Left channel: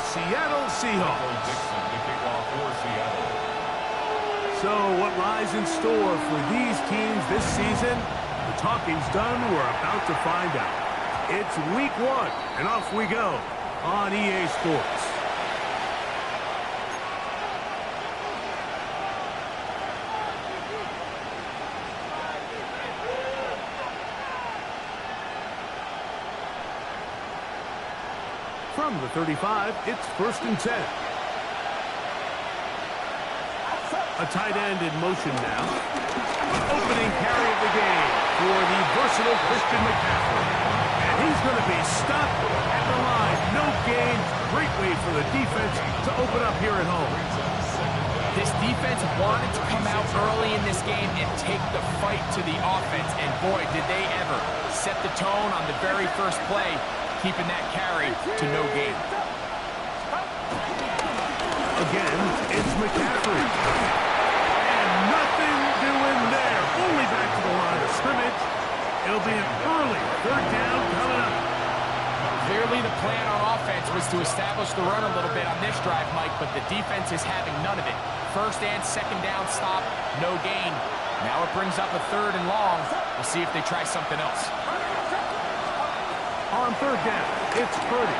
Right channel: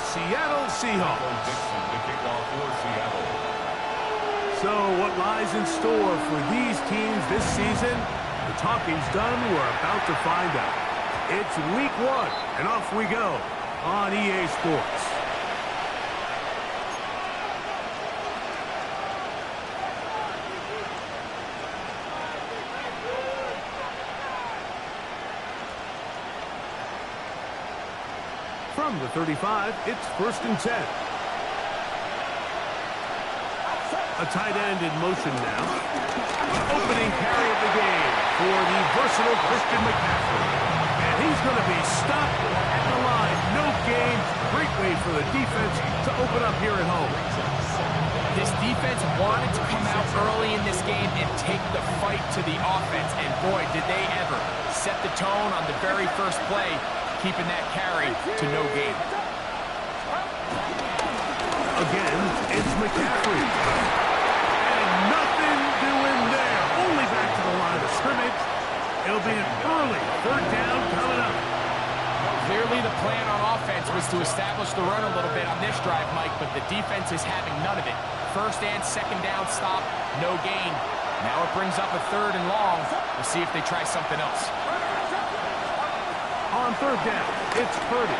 Seattle Seahawks. So what lies in store for these teams this season? The talking's done. We're about to find out. It's week 1, and off we go on EA Sports. From the 35, it's 1st and 10. A tight end in motion now. Opening carry of the game for the versatile Christian McCaffrey. And he's going to be stopped at the line. No gain. Great way for the defense to open up here at home. This defense wanted to come out early in this game and take the fight to the offense. And boy, did they ever set the tone on the very first play, keeping that carry to no gain. Again, it's McCaffrey. And nothing doing there. Only back to the line of scrimmage. It'll be an early 3rd down coming up. Clearly the plan on offense was to establish the run a little bit on this drive, Mike, but the defense is having none of it. 1st and 2nd down stop, no gain. Now it brings up a 3rd and long. We'll see if they try something else. On 3rd down, it's Purdy.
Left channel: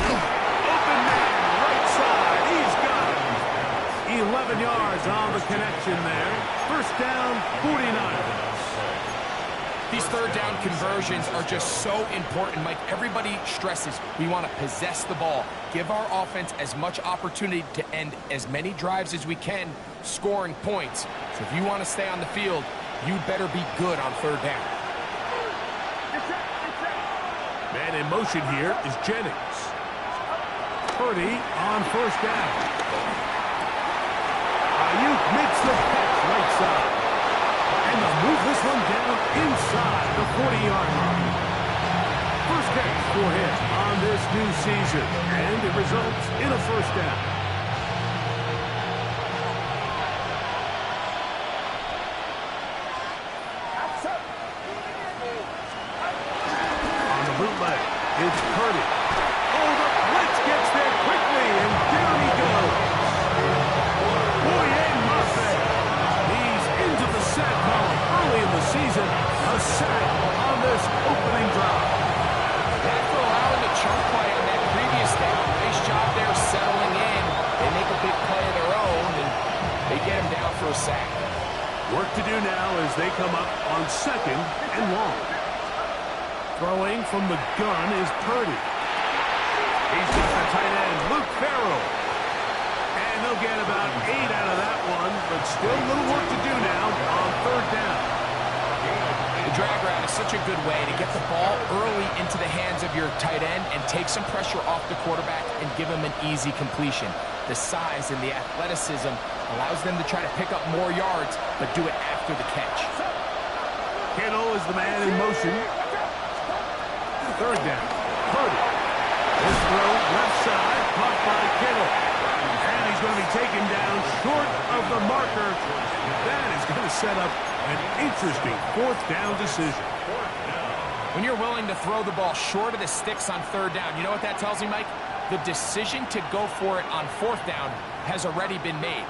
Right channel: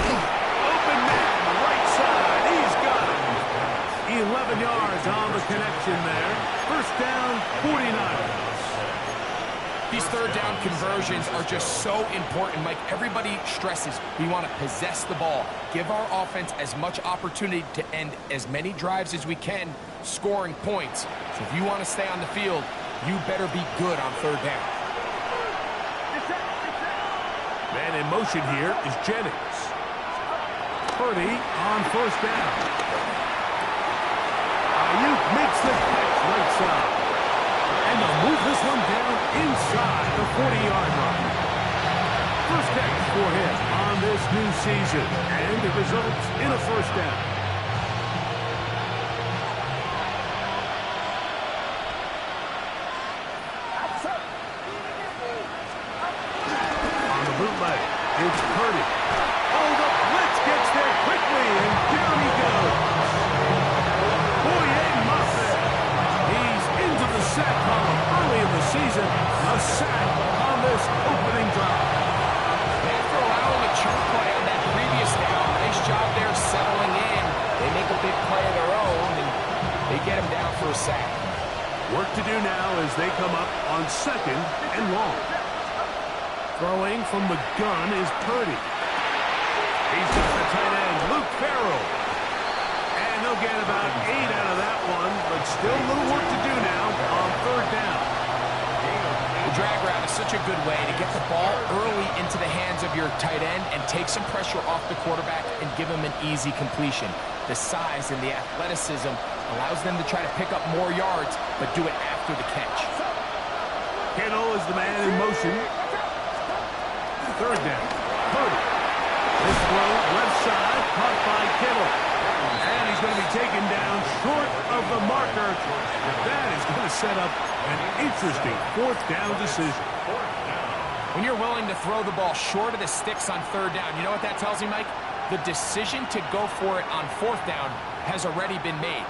Open man, right side. He's got him. 11 yards on the connection there. 1st down, 49ers. These 3rd down conversions are just so important, Mike. Everybody stresses we want to possess the ball, give our offense as much opportunity to end as many drives as we can, scoring points. So if you want to stay on the field, you better be good on 3rd down. Man in motion here is Jennings. Purdy on 1st down. Ayuk makes the catch right side. And they'll move this one down inside the 40-yard line. First catch for him on this new season. And it results in a 1st down. On the bootleg, it's Purdy. Oh, the blitz gets there quickly, and down he goes. He's into the sack column early in the season. A sack on this opening drive. After allowing a chunk play on that previous down, nice job there settling in. They make a big play of their own, and they get him down for a sack. Work to do now as they come up on 2nd and long. Throwing from the gun is Purdy. He's got the tight end, Luke Farrell. And they'll get about 8 out of that one, but still a little work to do now on 3rd down. The drag route is such a good way to get the ball early into the hands of your tight end and take some pressure off the quarterback and give him an easy completion. The size and the athleticism allows them to try to pick up more yards, but do it after the catch. Kittle is the man in motion. 3rd down. Purdy. This throw left side, caught by Kittle. And he's going to be taken down short of the marker. That is going to set up an interesting 4th down decision. When you're willing to throw the ball short of the sticks on 3rd down, you know what that tells me, Mike? The decision to go for it on 4th down has already been made.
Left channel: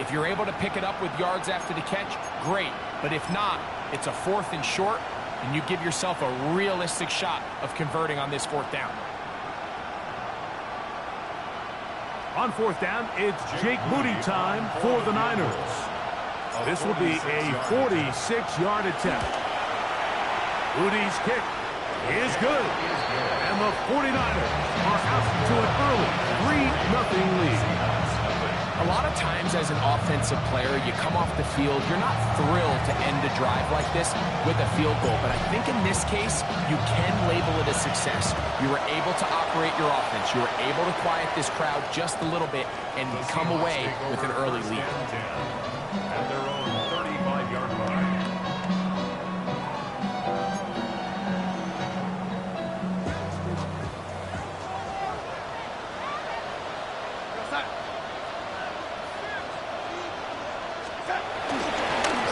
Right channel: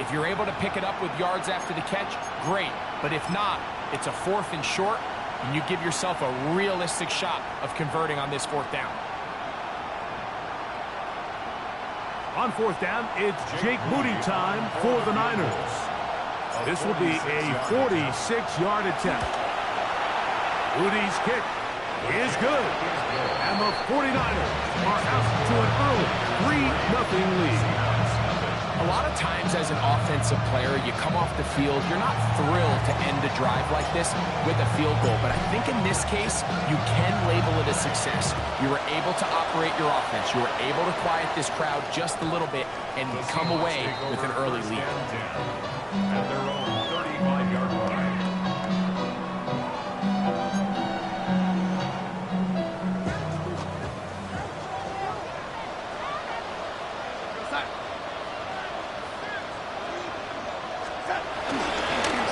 If you're able to pick it up with yards after the catch, great. But if not, it's a 4th and short, and you give yourself a realistic shot of converting on this 4th down. On 4th down, it's Jake Moody time for the Niners. This will be a 46-yard attempt. Moody's kick is good. And the 49ers are out to an early 3-0 lead. A lot of times as an offensive player, you come off the field, you're not thrilled to end a drive like this with a field goal. But I think in this case, you can label it a success. You were able to operate your offense. You were able to quiet this crowd just a little bit and come away with an early lead. At their own 35-yard line.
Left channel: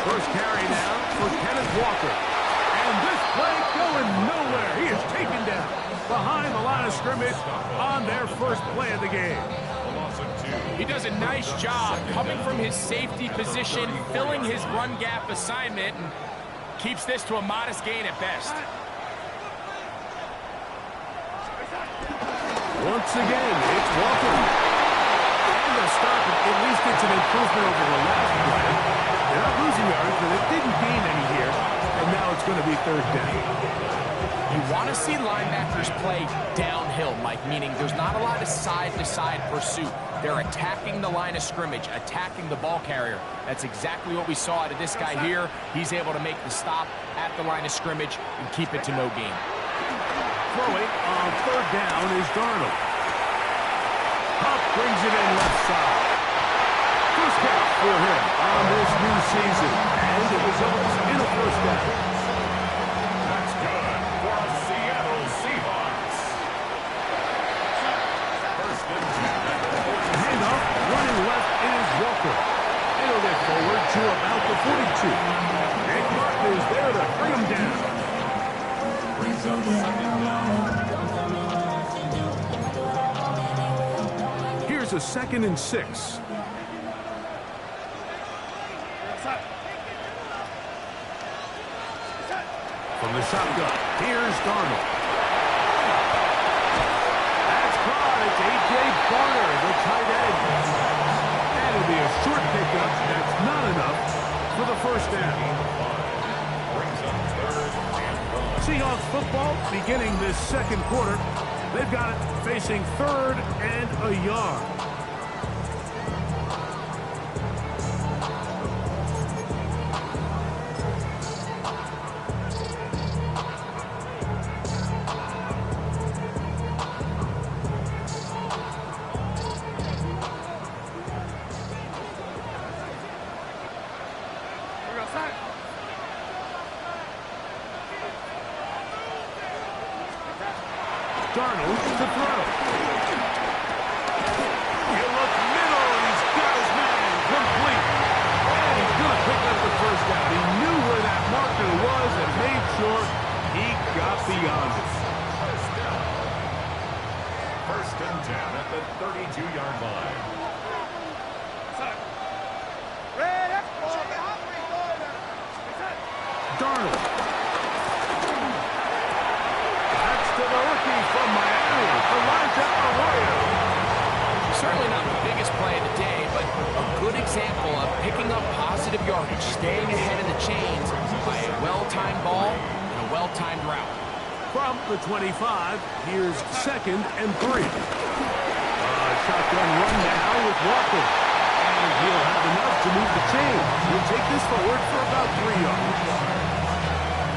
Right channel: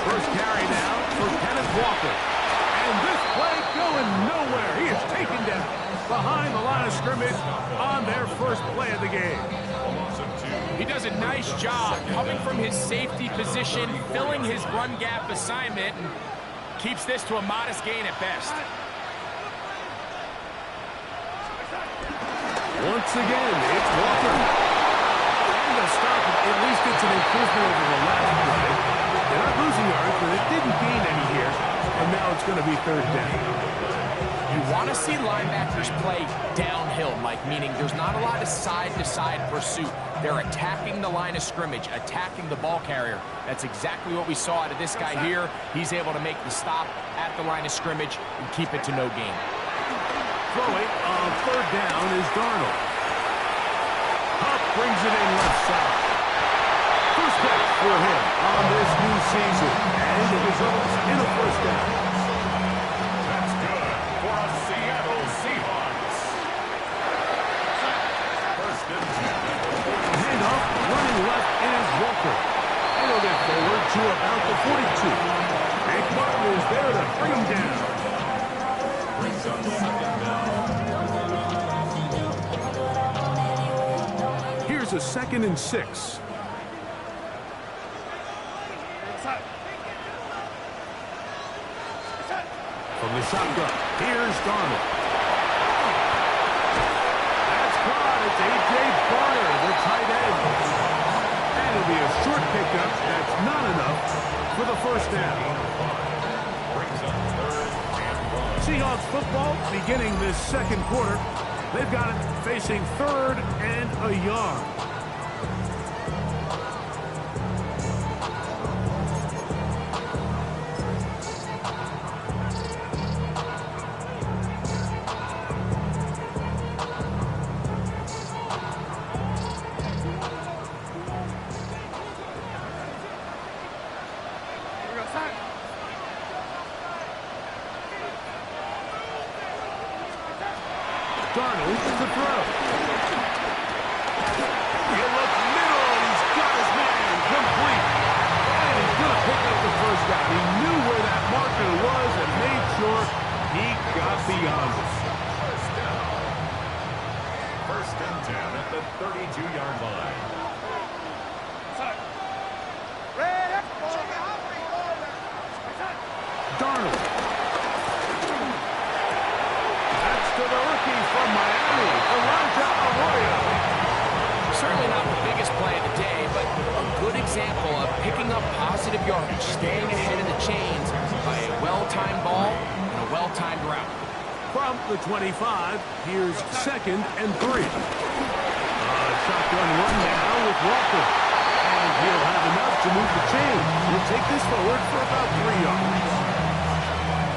First carry now for Kenneth Walker. And this play going nowhere. He is taken down behind the line of scrimmage on their first play of the game. He does a nice job coming from his safety position, filling his run gap assignment, and keeps this to a modest gain at best. Once again, it's Walker. And the stop, at least it's an improvement over the last play. They're not losing yards, but it didn't gain any here. And now it's going to be third down. You want to see linebackers play downhill, Mike, meaning there's not a lot of side-to-side pursuit. They're attacking the line of scrimmage, attacking the ball carrier. That's exactly what we saw out of this guy here. He's able to make the stop at the line of scrimmage and keep it to no gain. Throwing on third down is Darnold. Hupp brings it in left side. First catch for him on this new season. And it results in a first down. That's good for a Seattle Seahawks. First and 10. Handoff, running left is Walker. And he'll get forward to about the 42. Nick Martin is there to bring him down. Brings up second down. Here's a 2nd and 6. From the shotgun, here's Darnold. That's caught. It's A.J. Barner, the tight end. And it'll be a short pickup. That's not enough for the first down. Brings up third and 1. Seahawks football beginning this second quarter. They've got it facing third and a yard. Darnold to throw. You look middle, and he's got his man complete. And he's going to pick up the first down. He knew where that marker was and made sure he got beyond it. First and 10 at the 32-yard line. Darnold. To the rookie from Miami, Elijah Arroyo. Certainly not the biggest play of the day, but a good example of picking up positive yardage, staying ahead of the chains by a well-timed ball and a well-timed route. From the 25, here's 2nd and 3. Shotgun run now with Walker. And he'll have enough to move the chains. He'll take this forward for about 3 yards.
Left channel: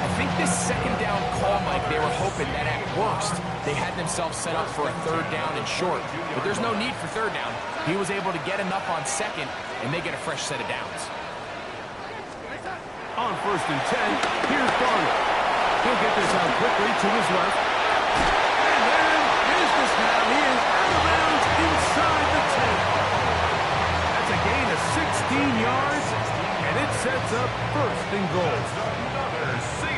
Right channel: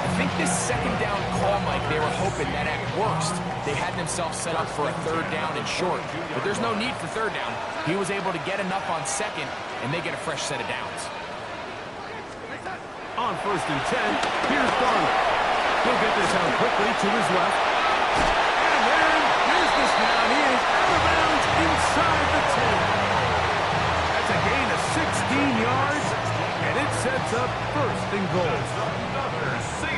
I think this second down call, Mike, they were hoping that at worst they had themselves set up for a third down and short. But there's no need for third down. He was able to get enough on second, and they get a fresh set of downs. On 1st and 10, here's Darnold. He'll get this out quickly to his left. And they're in business now. He is out of bounds inside the 10. That's a gain of 16 yards. And it sets up 1st and goal.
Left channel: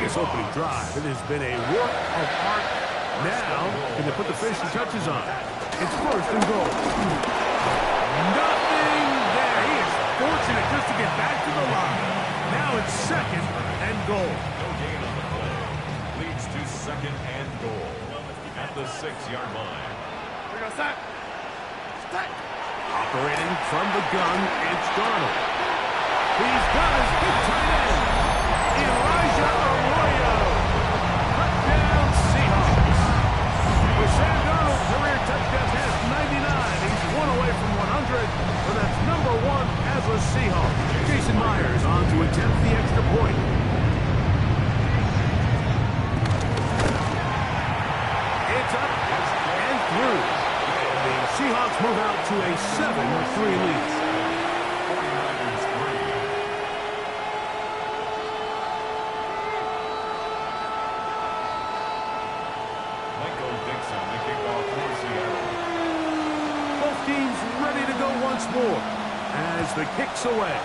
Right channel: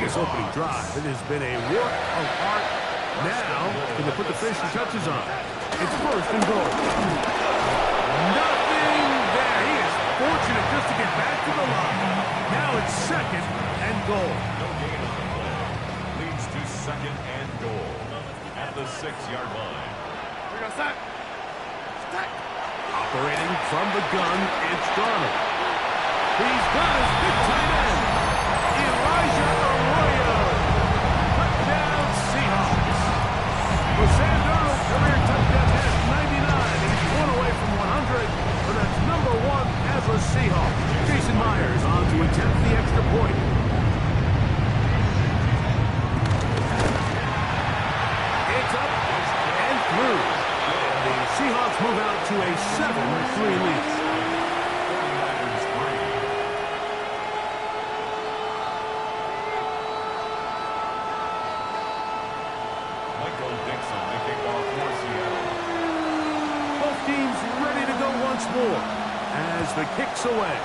This opening drive, it has been a work of art. Now, can they put the finishing touches on? It's 1st and goal. Nothing there. He is fortunate just to get back to the line. Now it's 2nd and goal. No gain on the play. Leads to 2nd and goal at the 6-yard line. Operating from the gun, it's Darnold. He's got his big tight end, Elijah Arroyo. Touchdown, Seahawks. For Sam Darnold, career touchdown pass 99. He's 1 away from 100, but that's number 1 as a Seahawk. Jason Myers on to attempt the extra point. It's up and through. And the Seahawks move out to a 7-3 lead. Teams ready to go once more as the kick's away.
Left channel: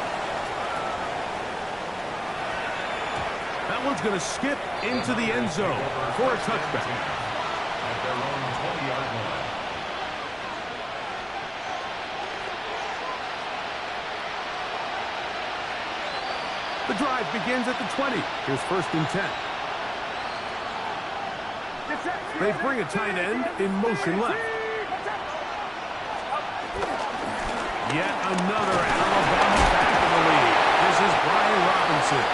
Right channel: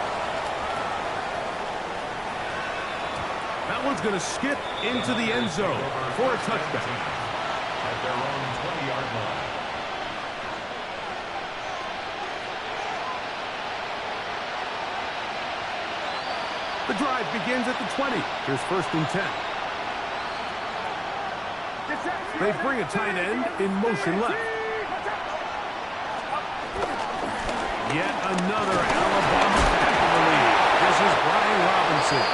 That one's going to skip into the end zone for a touchback. At their own 20-yard line. The drive begins at the 20. Here's 1st and 10. They bring a tight end in motion left. Yet another Alabama back in the lead. This is Brian Robinson.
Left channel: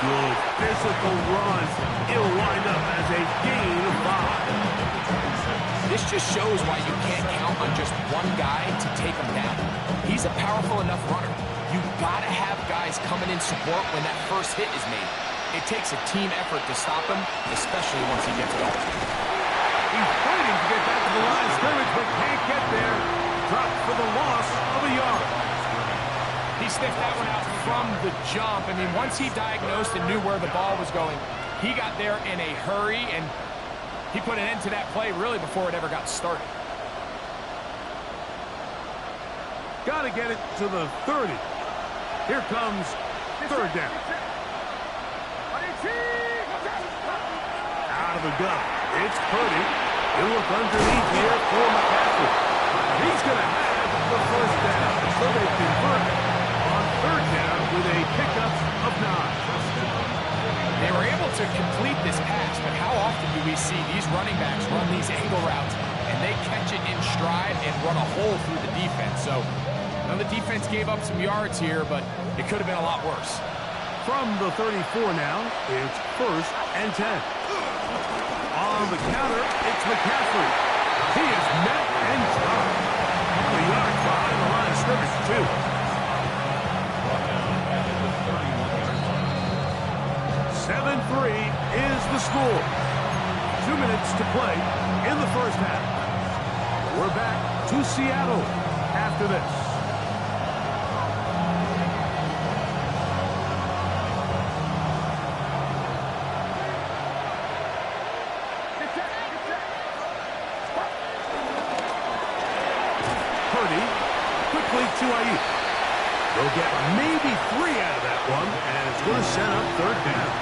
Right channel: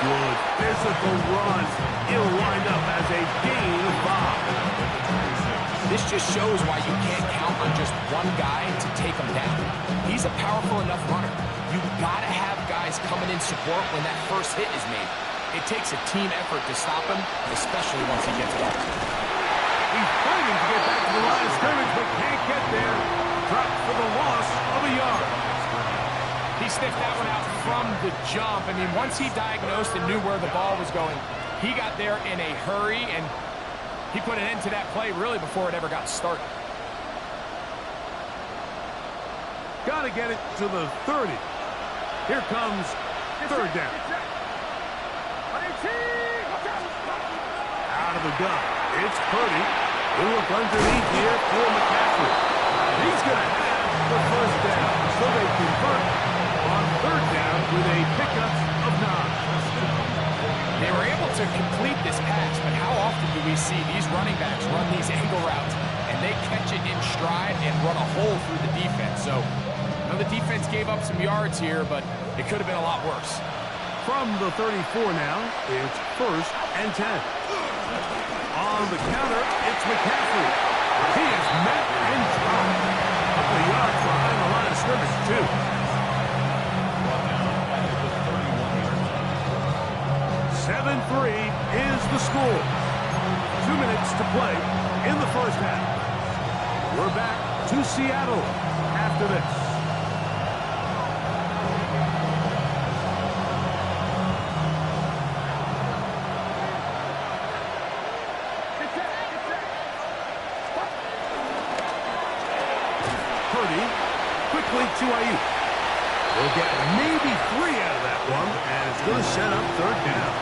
Good physical run. It'll wind up as a gain of 5. This just shows why you can't count on just one guy to take him down. He's a powerful enough runner. You've got to have guys coming in support when that first hit is made. It takes a team effort to stop him, especially once he gets going. He's fighting to get back to the line of scrimmage, but can't get there. Dropped for the loss of a yard. He sniffed that one out from the jump. I mean, once he diagnosed and knew where the ball was going, he got there in a hurry, and he put an end to that play really before it ever got started. Got to get it to the 30. Here comes 3rd down. Out of the gun. It's Purdy. He'll look underneath here for McCaffrey. He's going to have the 1st down. So they convert on 3rd down with a pickup of 9. They were able to complete this pass, but how often do we see these running backs run these angle routes and they catch it in stride and run a hole through the defense? So, I know the defense gave up some yards here, but it could have been a lot worse. From the 34 now, it's 1st and 10. On the counter, it's McCaffrey. He is met and dropped. A couple of yards behind the line of scrimmage, too. Brought down back at the 31-yard line. 7-3 is the score. 2 minutes to play in the first half. We're back to Seattle after this. Purdy quickly to Ayuk. They'll get maybe 3 out of that one, and it's going to set up 3rd down.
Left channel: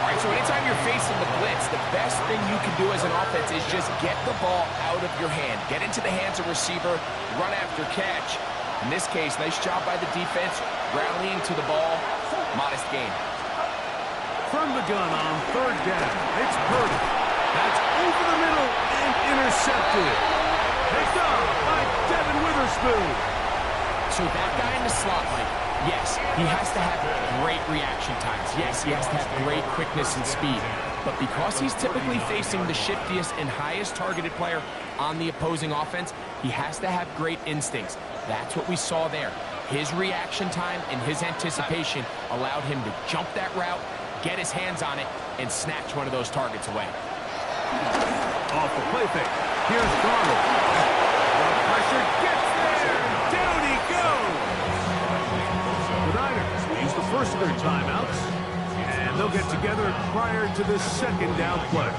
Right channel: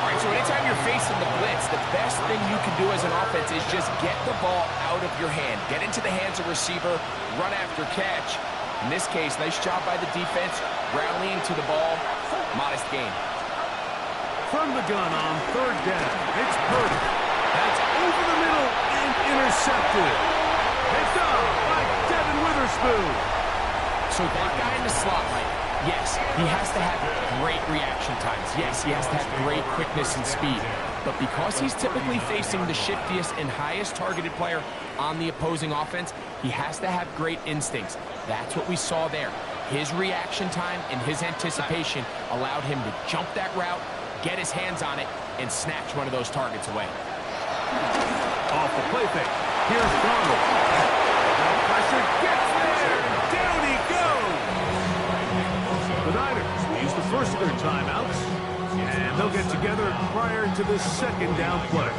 All right, so anytime you're facing the blitz, the best thing you can do as an offense is just get the ball out of your hand. Get into the hands of receiver, run after catch. In this case, nice job by the defense, rallying to the ball, modest gain. From the gun on 3rd down, it's Purdy. That's over the middle and intercepted. Picked off by Devin Witherspoon. So that guy in the slot, Mike, yes, he has to have great reaction times. Yes, he has to have great quickness and speed. But because he's typically facing the shiftiest and highest targeted player on the opposing offense, he has to have great instincts. That's what we saw there. His reaction time and his anticipation allowed him to jump that route, get his hands on it, and snatch one of those targets away. Off the play fake. Here's Darnold. The pressure gets there, and down he goes. The Niners will use the first of their timeouts, and they'll get together prior to the 2nd down play.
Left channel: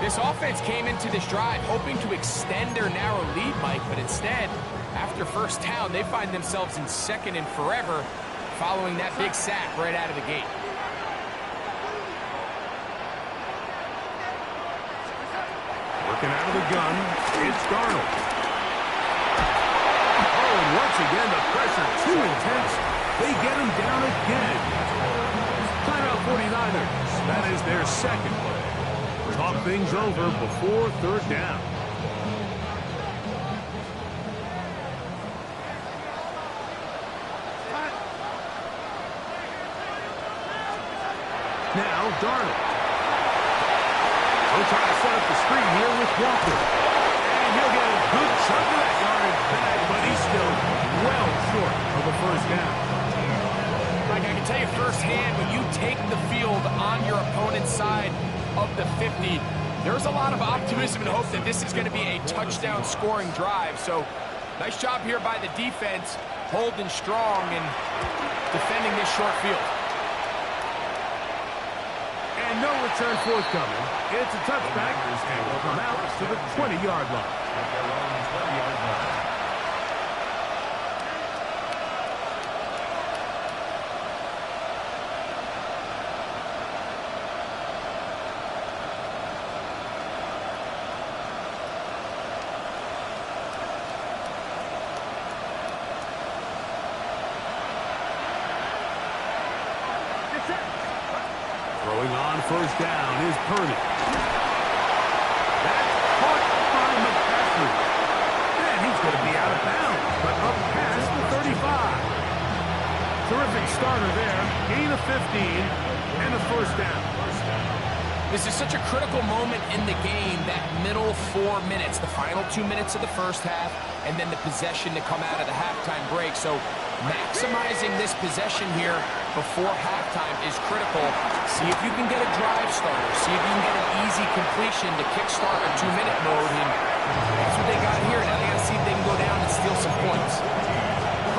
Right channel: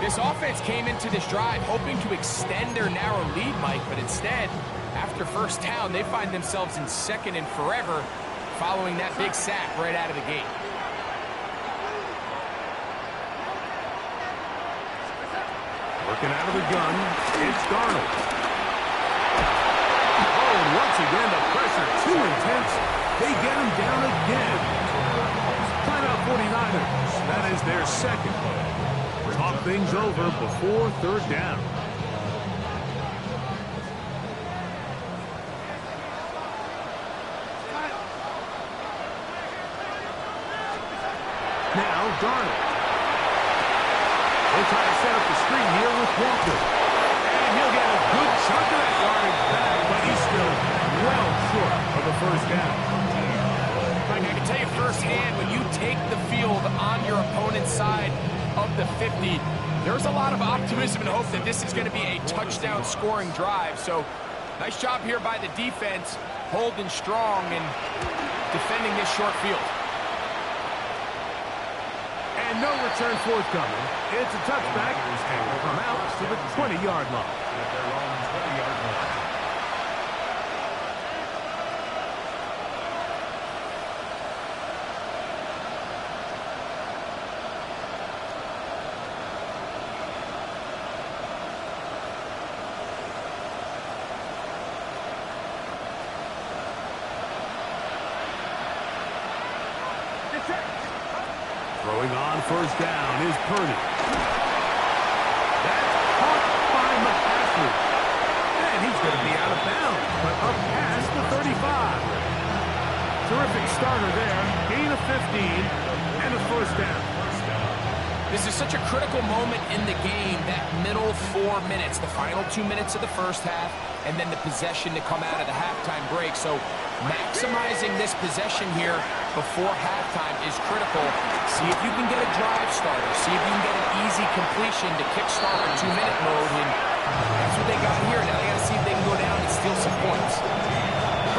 This offense came into this drive hoping to extend their narrow lead, Mike, but instead, after 1st down, they find themselves in 2nd and forever following that big sack right out of the gate. Working out of the gun, it's Darnold. Oh, and once again, the pressure too intense. They get him down again. Timeout 49ers. That is their 2nd play. Talk things over before 3rd down. Now, Darnold. He'll try to set up the screen here with Walker. And he'll get a good chunk of that yardage back, but he's still well short of the 1st down. Mike, I can tell you firsthand, when you take the field on your opponent's side of the 50, there's a lot of optimism and hope that this is going to be a touchdown scoring drive. So, nice job here by the defense, holding strong and defending this short field. And no return forthcoming. It's a touchback, and will come out to the 20-yard line. At their own 20-yard line. Throwing on first down is Purdy. That's caught by McCaffrey. And he's going to be out of bounds, but up past the 35. Terrific starter there. Gain of 15 and a first down. This is such a critical moment in the game, that middle 4 minutes, the final 2 minutes of the first half, and then the possession to come out of the halftime break. So maximizing this possession here before halftime is critical. See if you can get a drive starter. See if you can get an easy completion to kickstart a 2-minute mode. And that's what they got here. Now they got to see if they can go down and steal some points.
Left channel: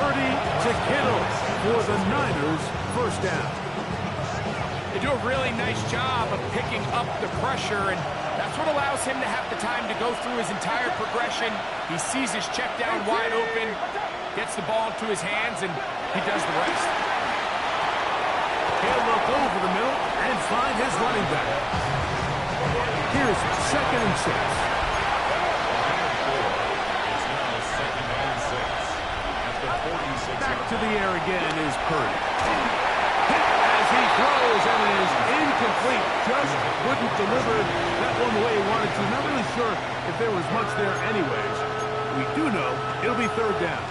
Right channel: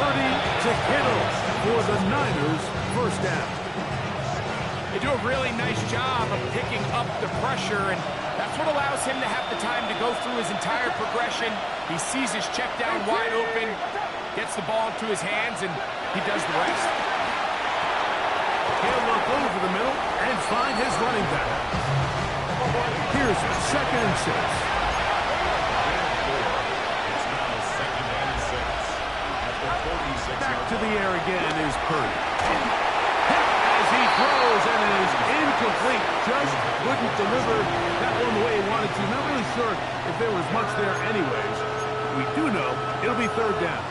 Purdy to Kittle for the Niners, first down. They do a really nice job of picking up the pressure, and that's what allows him to have the time to go through his entire progression. He sees his check down wide open, gets the ball into his hands, and he does the rest. He'll look over the middle and find his running back. Here's second and 6. It's now second and 6 at the 46-yard Back to the air again is Purdy. As he throws, and it is incomplete. Just couldn't deliver that one the way he wanted to. Not really sure if there was much there anyways. We do know it'll be third down.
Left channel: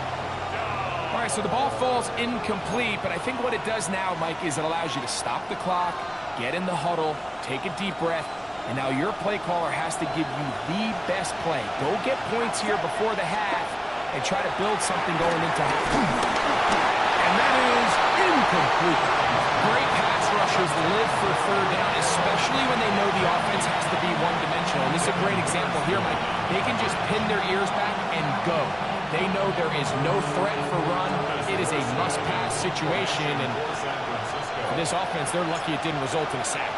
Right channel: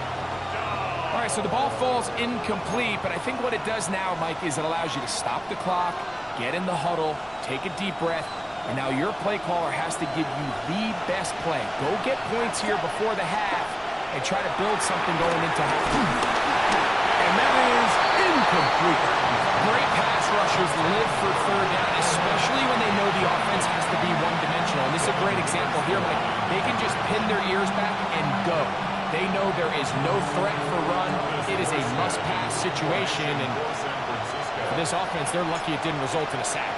All right, so the ball falls incomplete, but I think what it does now, Mike, is it allows you to stop the clock, get in the huddle, take a deep breath, and now your play caller has to give you the best play. Go get points here before the half and try to build something going into half. And that is incomplete. Great pass rushers live for third down, especially when they know the offense has to be one-dimensional. And this is a great example here, Mike. They can just pin their ears back and go. They know there is no threat for run. It is a must-pass situation. And for this offense, they're lucky it didn't result in a sack.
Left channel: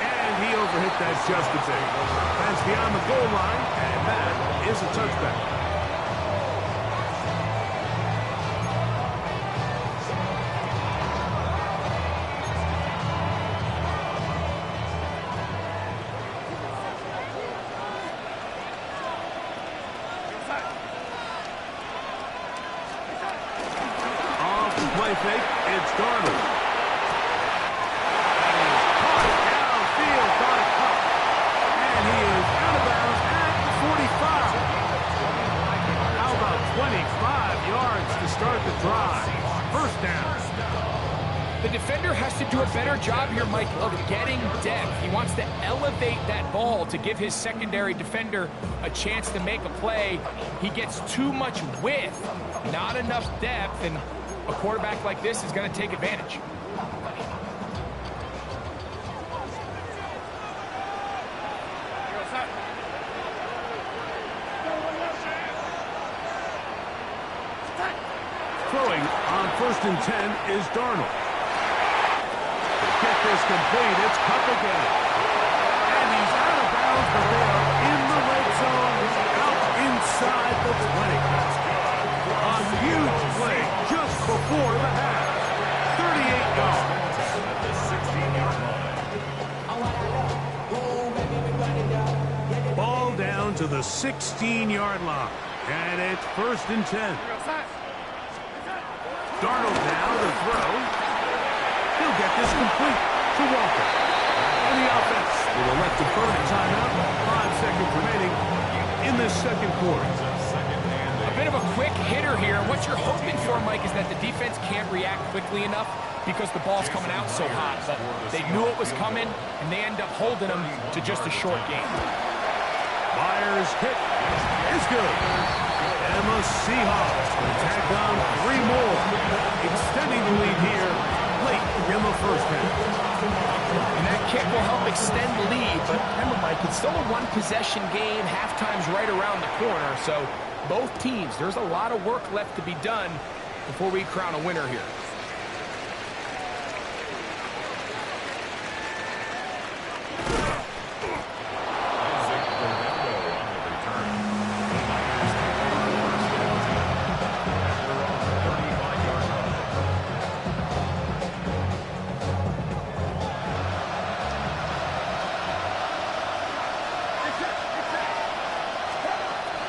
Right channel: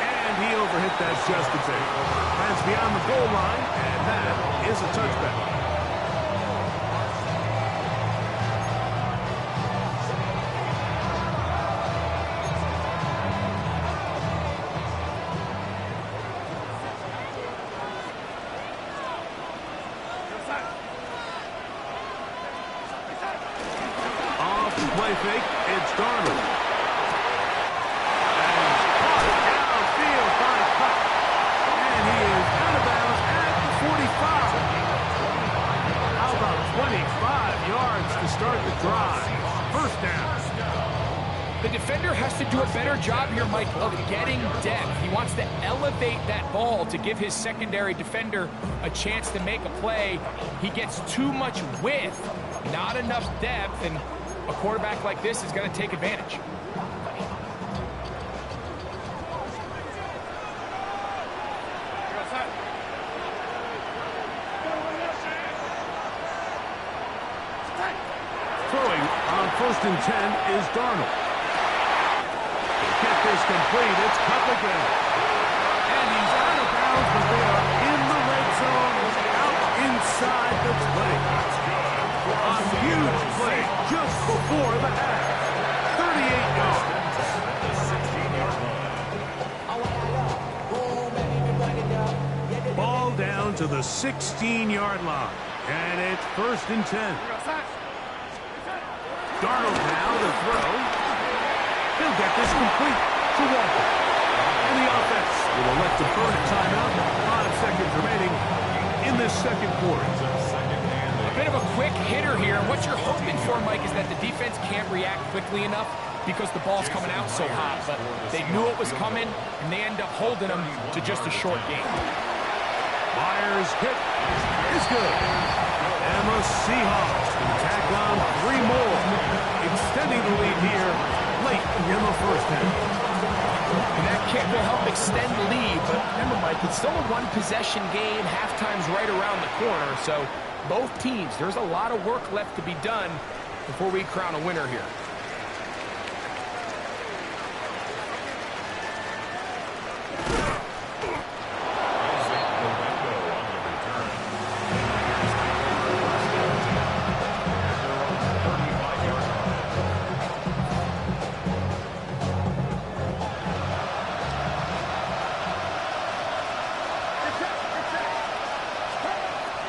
And he overhit that just a bit. That's beyond the goal line, and that is a touchback. Play fake, it's Darnold. And he's caught downfield by Cup. And he is out of bounds at the 45. How about 25 yards to start the drive? First down. The defender has to do a better job here, Mike, of getting depth. He wants to elevate that ball to give his secondary defender a chance to make a play. He gets too much width, not enough depth, and a quarterback like this is going to take advantage. Throwing on first and 10 is Darnold. To get this complete, it's Cup again. And he's out of bounds, but they are in the red zone, out inside the 20. A huge play just before the half. 38 yards. At the 16-yard line. Ball down to the 16-yard line. And it's first and 10. Darnold now to throw. He'll get this complete to Walker. And the offense will elect to burn a timeout. 5 seconds remaining in this second quarter. Bit of a quick hitter here. What you're hoping for, Mike, is that the defense can't react quickly enough because the ball's coming out so hot. But they knew it was coming, and they end up holding them to just a short game. Myers' kick is good. And the Seahawks can tack on 3 more, extending the lead here late in the first half. And that kick will help extend the lead. But remember, Mike, it's still a one-possession game. Halftime's right around the corner, so both teams, there's a lot of work left to be done before we crown a winner here.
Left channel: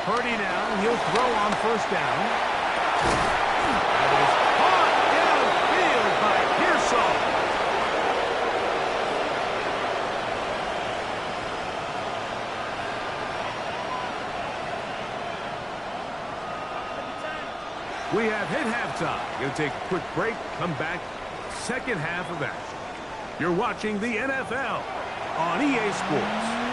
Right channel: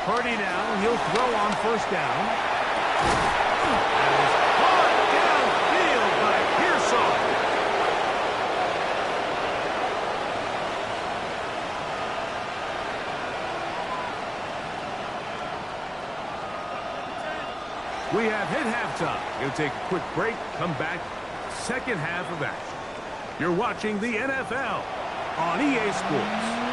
Purdy now, he'll throw on first down. That is caught downfield by Pearsall. We have hit halftime. Going to take a quick break, come back, second half of action. You're watching the NFL on EA Sports.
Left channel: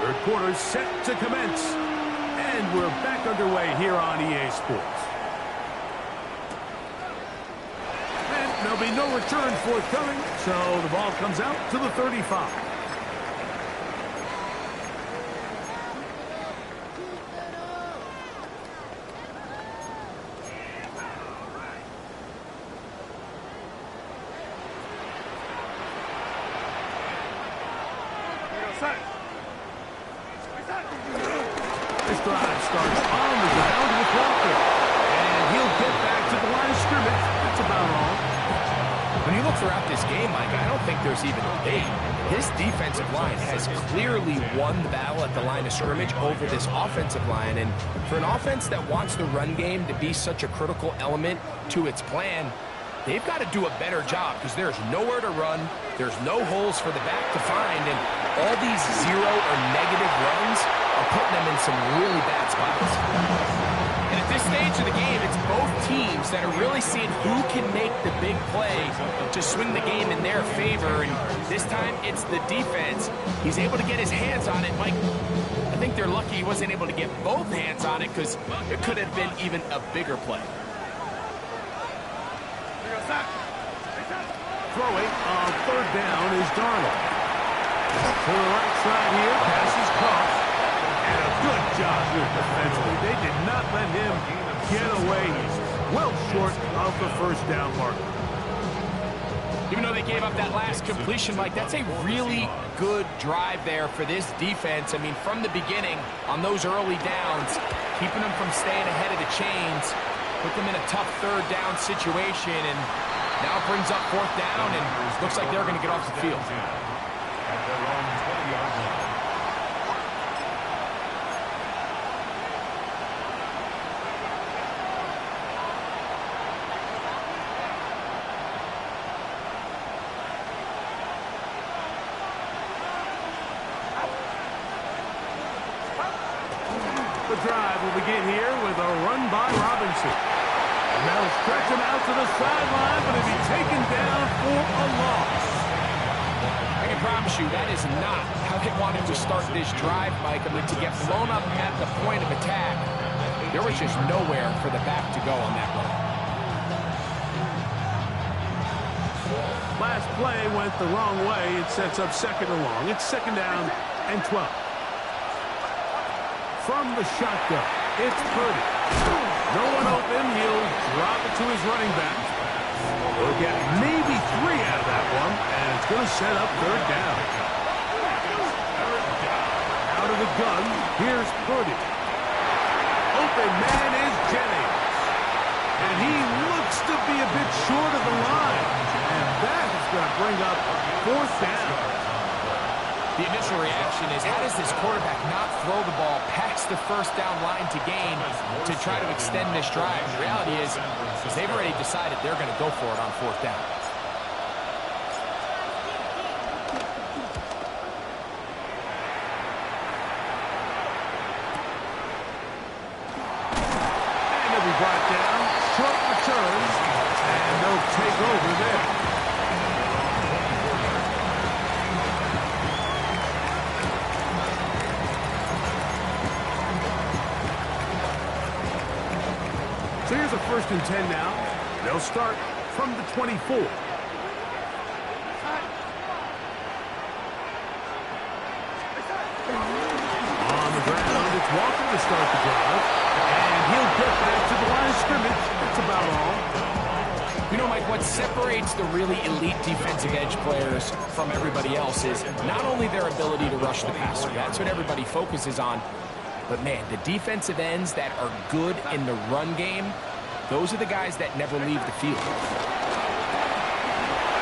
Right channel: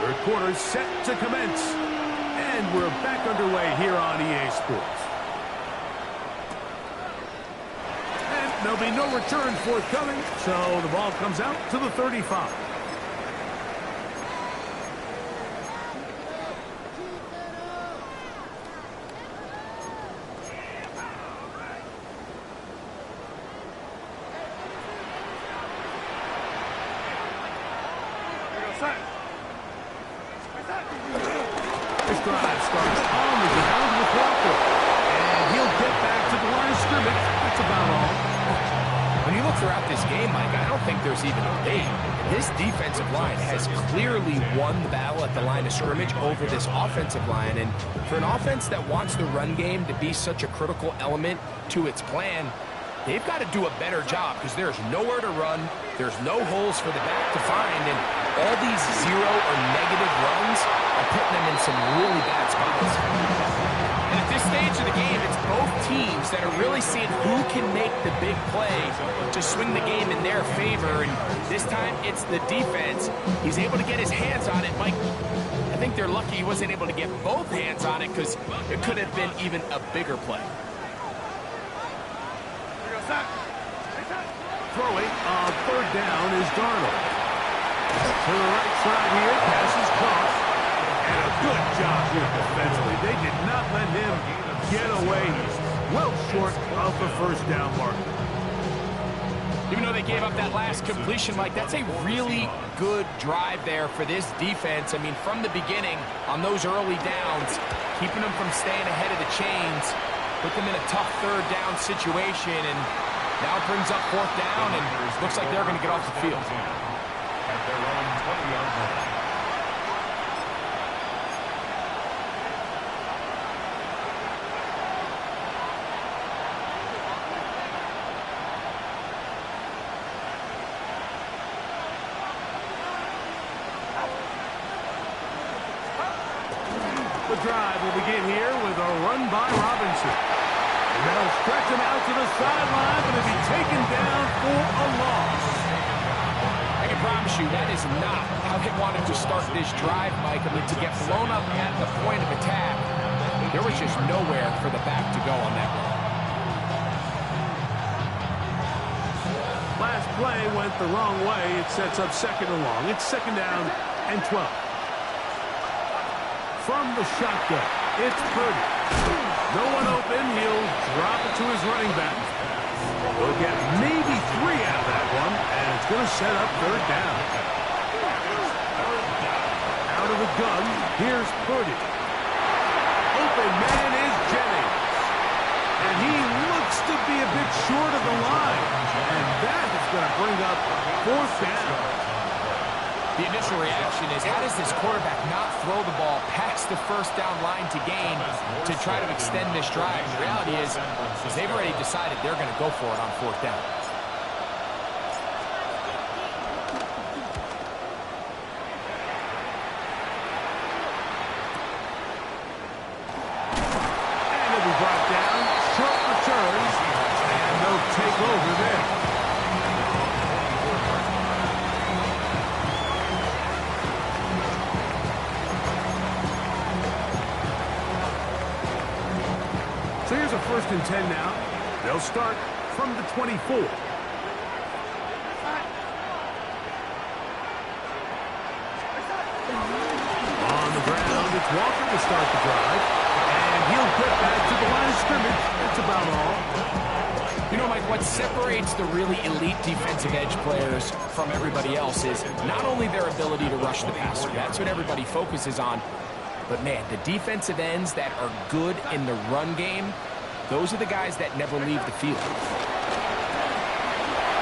Third quarter set to commence. And we're back underway here on EA Sports. And there'll be no return forthcoming, so the ball comes out to the 35. This drive starts on the ground with Walker. And he'll get back to the line of scrimmage. That's about all. When you look throughout this game, Mike, I don't think there's even a debate. This defensive line has clearly won the battle at the line of scrimmage over this offensive line. And for an offense that wants the run game to be such a critical element to its plan, they've got to do a better job because there's nowhere to run. There's no holes for the back to find. And all these zero or negative runs are putting them in some really bad spots. And at this stage of the game, it's both teams that are really seeing who can make the big play to swing the game in their favor. And this time, it's the defense. He's able to get his hands on it. Mike, I think they're lucky he wasn't able to get both hands on it because it could have been even a bigger play. Throwing on third down is Darnold. To the right side here, pass is caught. And a good job here defensively. They did not let him get away. He's well short of the first down marker. Even though they gave up that last completion, Mike, that's a really good drive there for this defense. I mean, from the beginning, on those early downs, keeping them from staying ahead of the chains, put them in a tough third down situation, and now it brings up fourth down, and looks like they're going to get off the field. At their own 20-yard line. The drive will begin here with a run by Robinson. And they'll stretch him out to the sideline, but he'll be taken down for a loss. I can promise you that is not how they wanted to start this drive, Mike. I mean, to get blown up at the point of attack, there was just nowhere for the back to go on that run. Last play went the wrong way. It sets up second and long. It's second down and 12. From the shotgun, it's Purdy. No one open. He'll drop it to his running back. He'll get maybe 3 out of that one, and it's going to set up third down. Out of the gun, here's Purdy. Open man is Jennings. And he looks to be a bit short of the line. And that is going to bring up fourth down. The initial reaction is, how does this quarterback not throw the ball past the first down line to gain to try to extend this drive? And the reality is they've already decided they're going to go for it on fourth down. And he'll be brought down. Short returns. And they'll take over there. So here's a 1st and 10 now. They'll start from the 24. On the ground, it's Walker to start the drive. And he'll get back to the line of scrimmage. That's about all. You know, Mike, what separates the really elite defensive edge players from everybody else is not only their ability to rush the passer. That's what everybody focuses on. But, man, the defensive ends that are good in the run game, Those are the guys that never leave the field.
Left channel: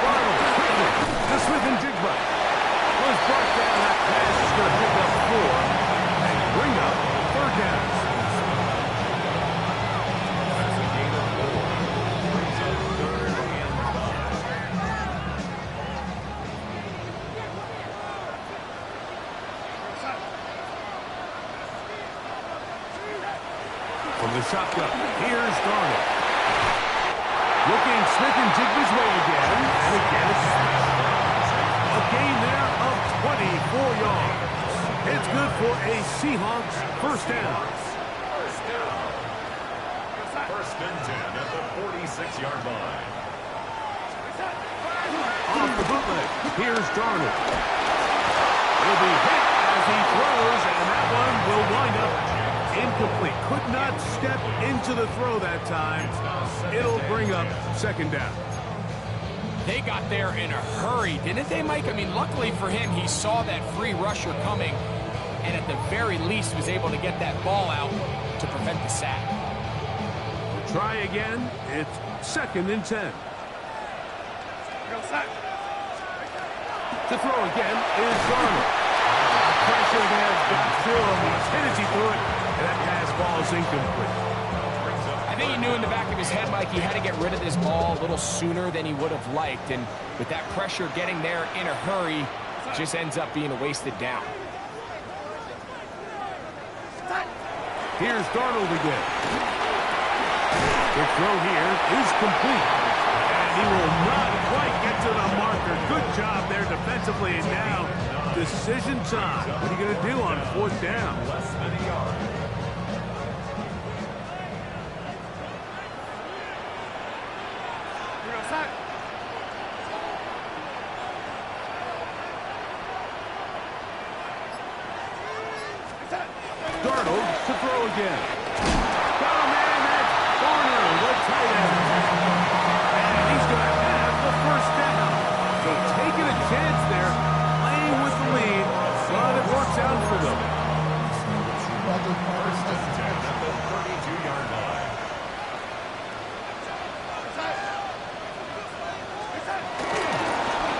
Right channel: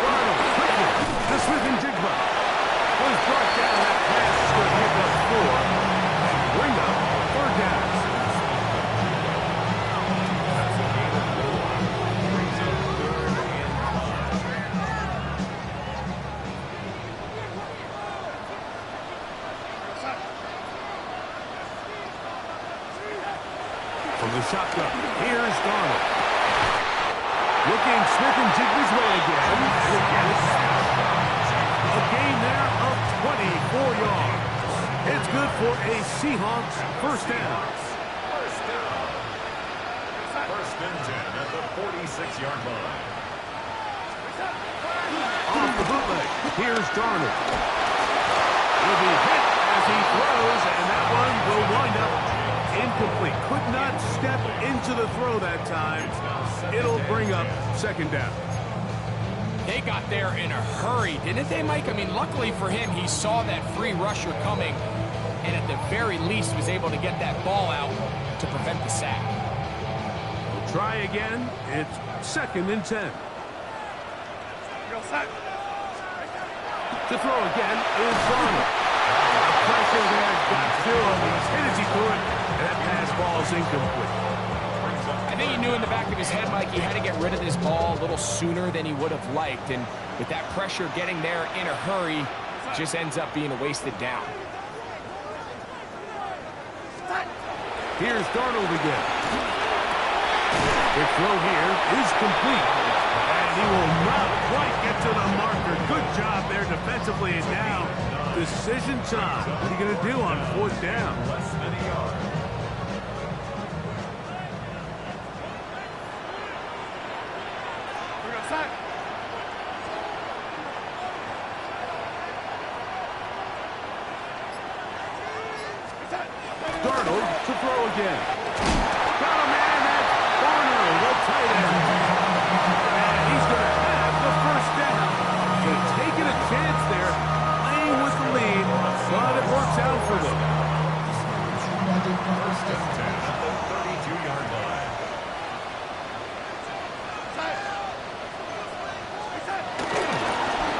Darnold quickly to Smith and Jigba. Was brought down. That pass is going to pick up 4 and bring up 3rd down. That's a gain of 4. Brings up 3rd and 5. From the shotgun, here's Darnold. Looking Smith and Jigba's way again, and again it's a gain there of 24 yards. It's good for a Seahawks 1st down. First and 10 at the 46-yard line. Off the bootleg, here's Darnold. He'll be hit as he throws, and that one will wind up incomplete. Could not step into the throw that time. It'll bring up 2nd down. They got there in a hurry, didn't they, Mike? I mean, luckily for him, he saw that free rusher coming, and at the very least was able to get that ball out to prevent the sack. We'll try again. It's 2nd and 10. To throw again is Darnold. Pressure there got to him. He's hit as he threw it, and that pass ball is incomplete. I think he knew in the back of his head, Mike, he had to get rid of this ball a little sooner than he would have liked. And with that pressure getting there in a hurry, it just ends up being a wasted down. Here's Darnold again. The throw here is complete. And he will not quite get to the marker. Good job there defensively. And now, decision time. What are you going to do on 4th down? Less than a yard. Darnold to throw again. Got a man, that's Warner, the tight end. And he's going to have the 1st down. So taking a chance there, playing with the lead, but it works out for them. First and 10 at the 32-yard line.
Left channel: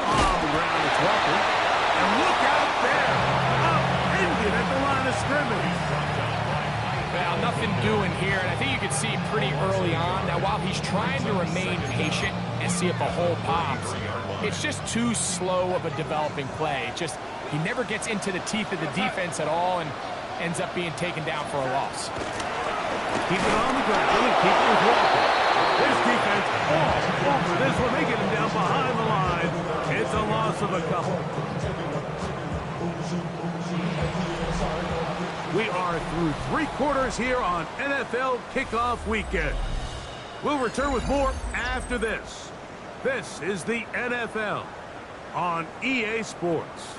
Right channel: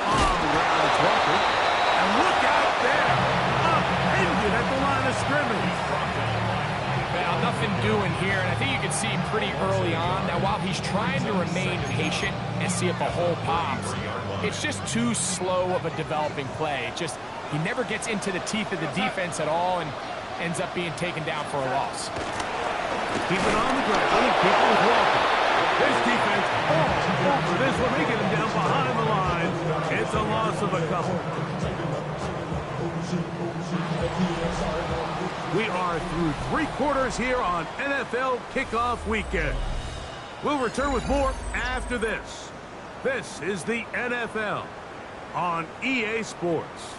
On the ground, it's Walker. And look out there. Upended at the line of scrimmage. Well, nothing doing here, and I think you can see pretty early on. Now, while he's trying to remain patient and see if a hole pops, it's just too slow of a developing play. He never gets into the teeth of the defense at all and ends up being taken down for a loss. Keep it on the ground and keep it with Walker. This defense all over this one. They get him down behind the line. It's a loss of a couple. We are through 3 quarters here on NFL Kickoff Weekend. We'll return with more after this. This is the NFL on EA Sports.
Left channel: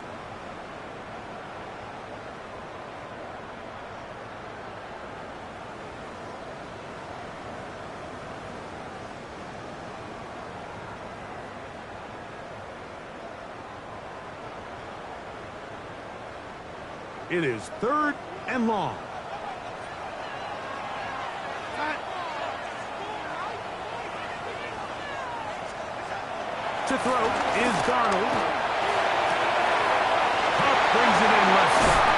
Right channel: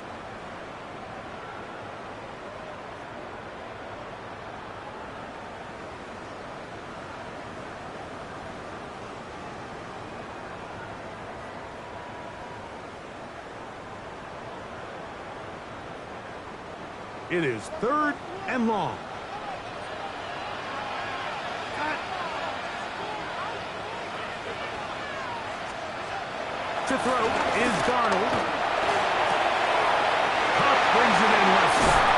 It is 3rd and long. To throw is Darnold. Huff brings it in left side.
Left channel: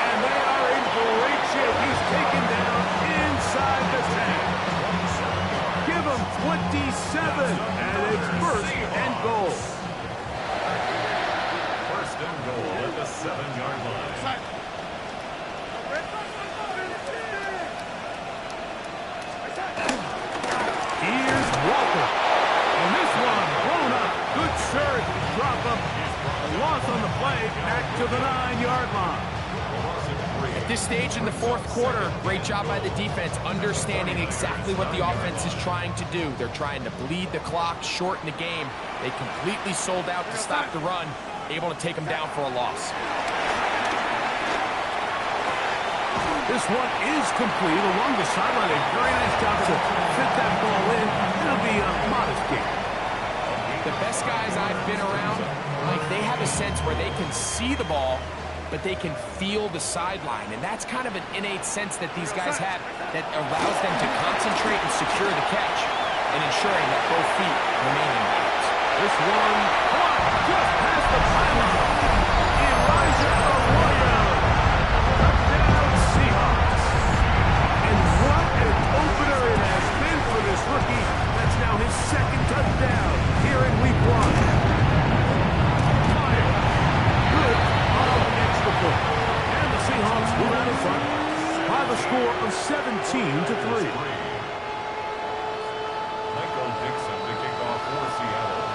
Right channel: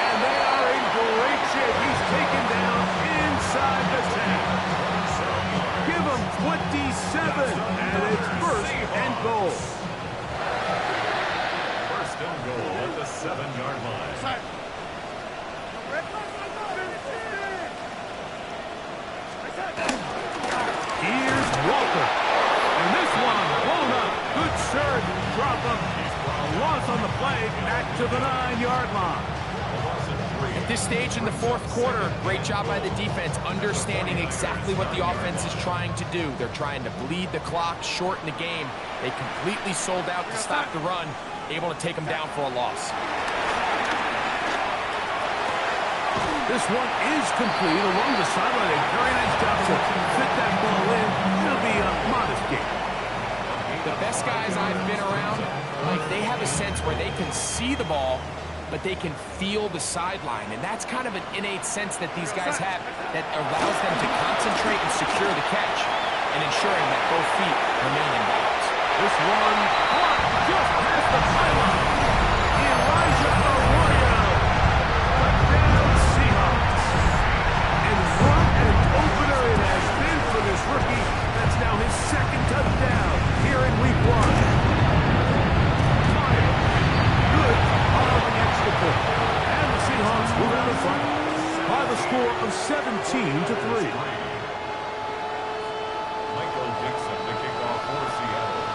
And they are in great shape. He's taken down inside the 10. Give him 27. And it's 1st and goal. First and goal at the 7-yard line. Here's Walker. And this one blown up. Good surge. Drop him. A loss on the play. Back to the 9-yard line. At this stage in the 4th quarter, great job by the defense, understanding exactly what the offense is trying to do. They're trying to bleed the clock, shorten the game. They completely sold out to stop the run, able to take them down for a loss. This one is complete along the sideline. A very nice job to fit that ball in. It'll be a modest gain. The best guys I've been around, like, they have a sense where they can see the ball but they can feel the sideline. And that's kind of an innate sense that these guys have that allows them to concentrate and secure the catch and ensuring that both feet remain in bounds. This one caught just past the pylon. Elijah Arroyo. Touchdown Seahawks. And what an opener it has been for this rookie. That's now his second touchdown here in week 1. Fire. Good on the extra point. And the Seahawks move out in front by the score of 17-3. Michael Dixon to kick off for Seattle.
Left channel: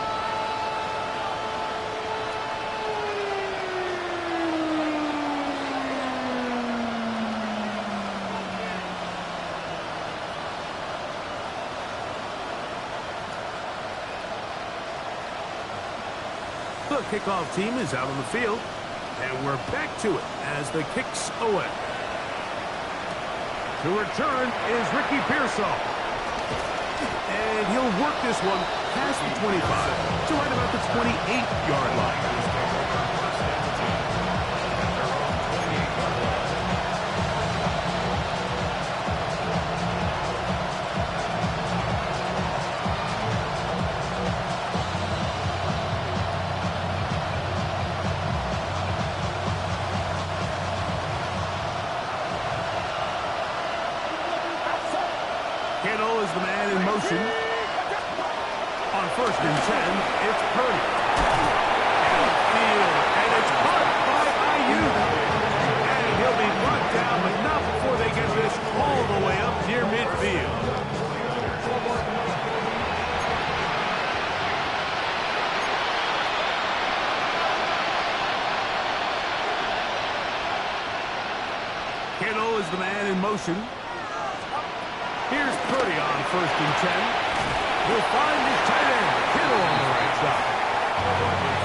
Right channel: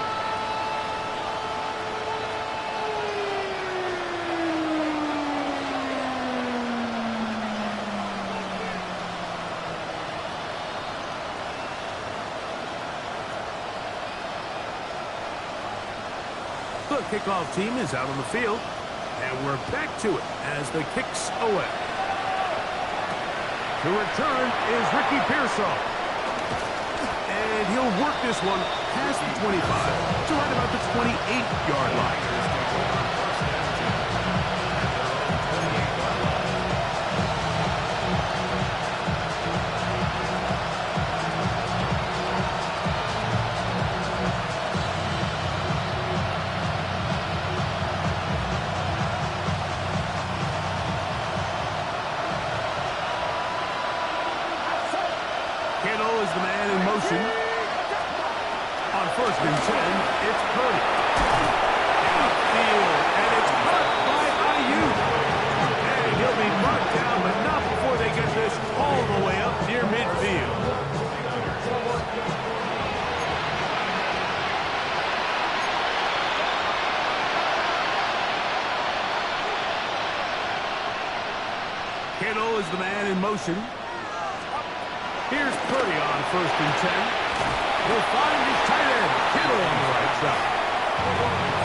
The kickoff team is out on the field, and we're back to it as the kicks away. The return is Ricky Pearsall. And he'll work this one past the 25 to right about the 28-yard line. Kittle is the man in motion. On 1st and 10, it's Purdy. Downfield, and it's caught by Ayuk. And he'll be brought down, but not before they get this all the way up near midfield. Kittle is the man in motion. Here's Purdy on 1st and 10. He'll find his tight end, Kittle, on the right side.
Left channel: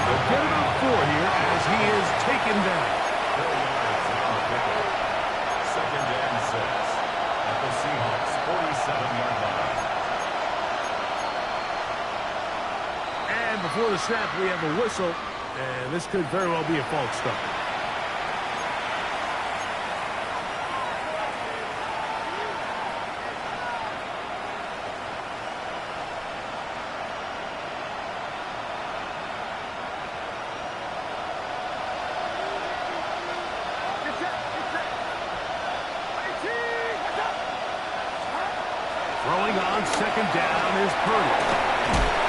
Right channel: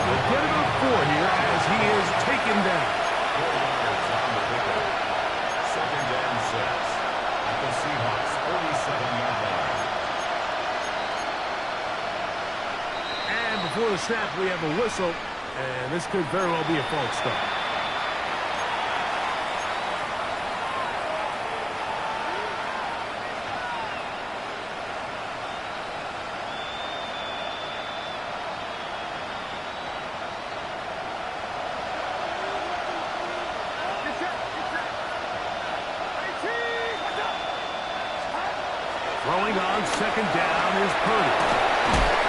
They'll get about 4 here as he is taken down. 4 yards on the pickup. 2nd and 6 at the Seahawks 47-yard line. And before the snap, we have a whistle, and this could very well be a false start. Throwing on 2nd down is Purdy.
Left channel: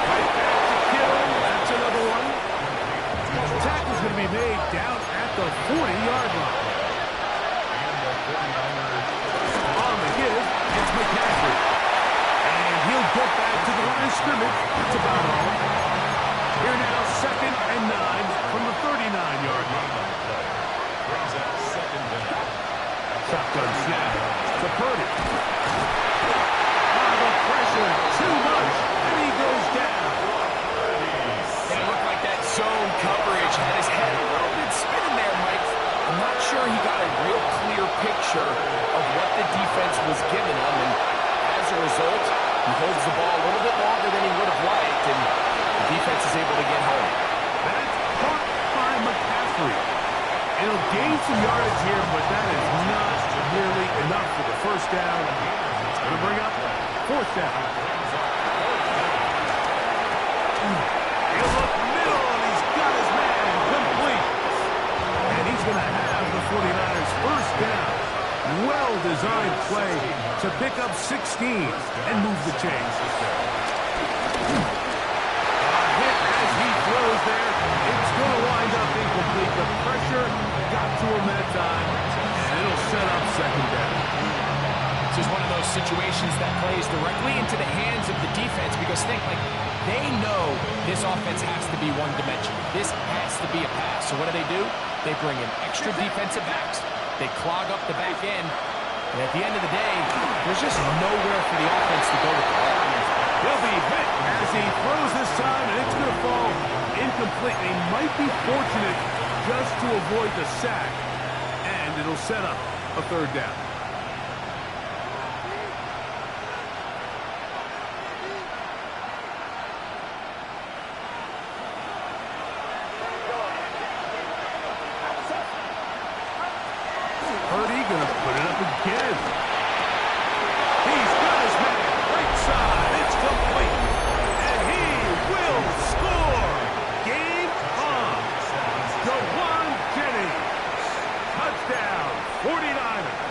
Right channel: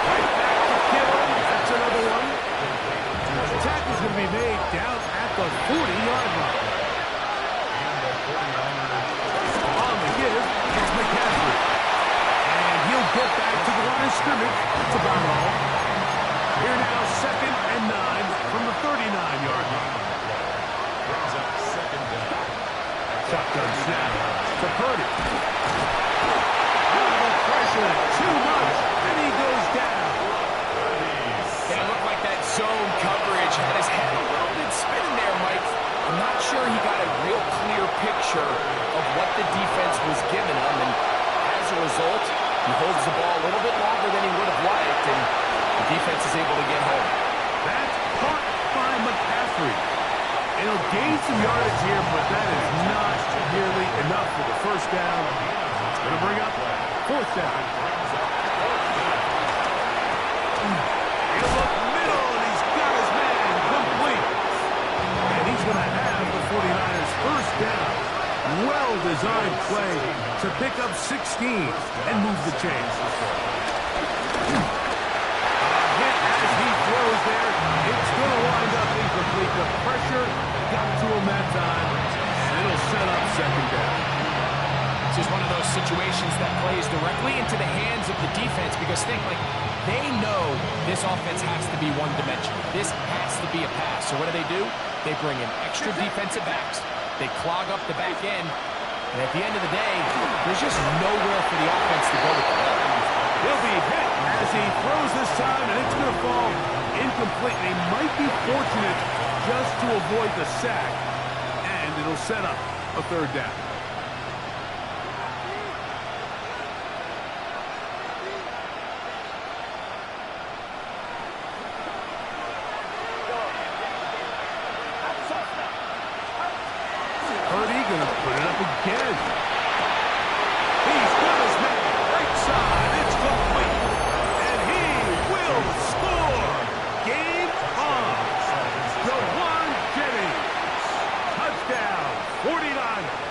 Right back to Kittle. That's another one. The tackle's going to be made down at the 40-yard line. On the give, it's McCaffrey. And he'll get back to the line of scrimmage. That's about all. Here now, 2nd and 9 from the 39-yard line. Brings up 2nd down. Shotgun snap to Purdy. Pressure, too much, and he goes down. And it looked like that zone coverage had his head a little bit spinning there, Mike. I'm not sure he got a real clear picture of what the defense was giving him, and as a result, he holds the ball a little bit longer than he would have liked, and the defense is able to get home. That's caught by McCaffrey. And he'll gain some yardage here, but that is not nearly enough for the 1st down. It's going to bring up 4th down. He'll look middle, and he's got his man complete. And he's going to have the 49ers 1st down. Well-designed play to pick up 16 and move the chains. As he throws there, it's going to wind up incomplete. The pressure got to him that time, and it'll set up 2nd down. This is one of those situations that plays directly into the hands of the defense because they know this offense has to be one-dimensional. This has to be a pass. So what do? They bring in extra defensive backs. They clog up the back end. And at the end of the day, there's just nowhere for the offense to go with the ball. He'll be hit as he throws this time, and it's going to fall incomplete. They might be fortunate just to avoid the sack, and it'll set up a 3rd down. again. He's got his man. Right side. It's complete. And he will score. Game on. Jawan Jennings. Touchdown, 49ers.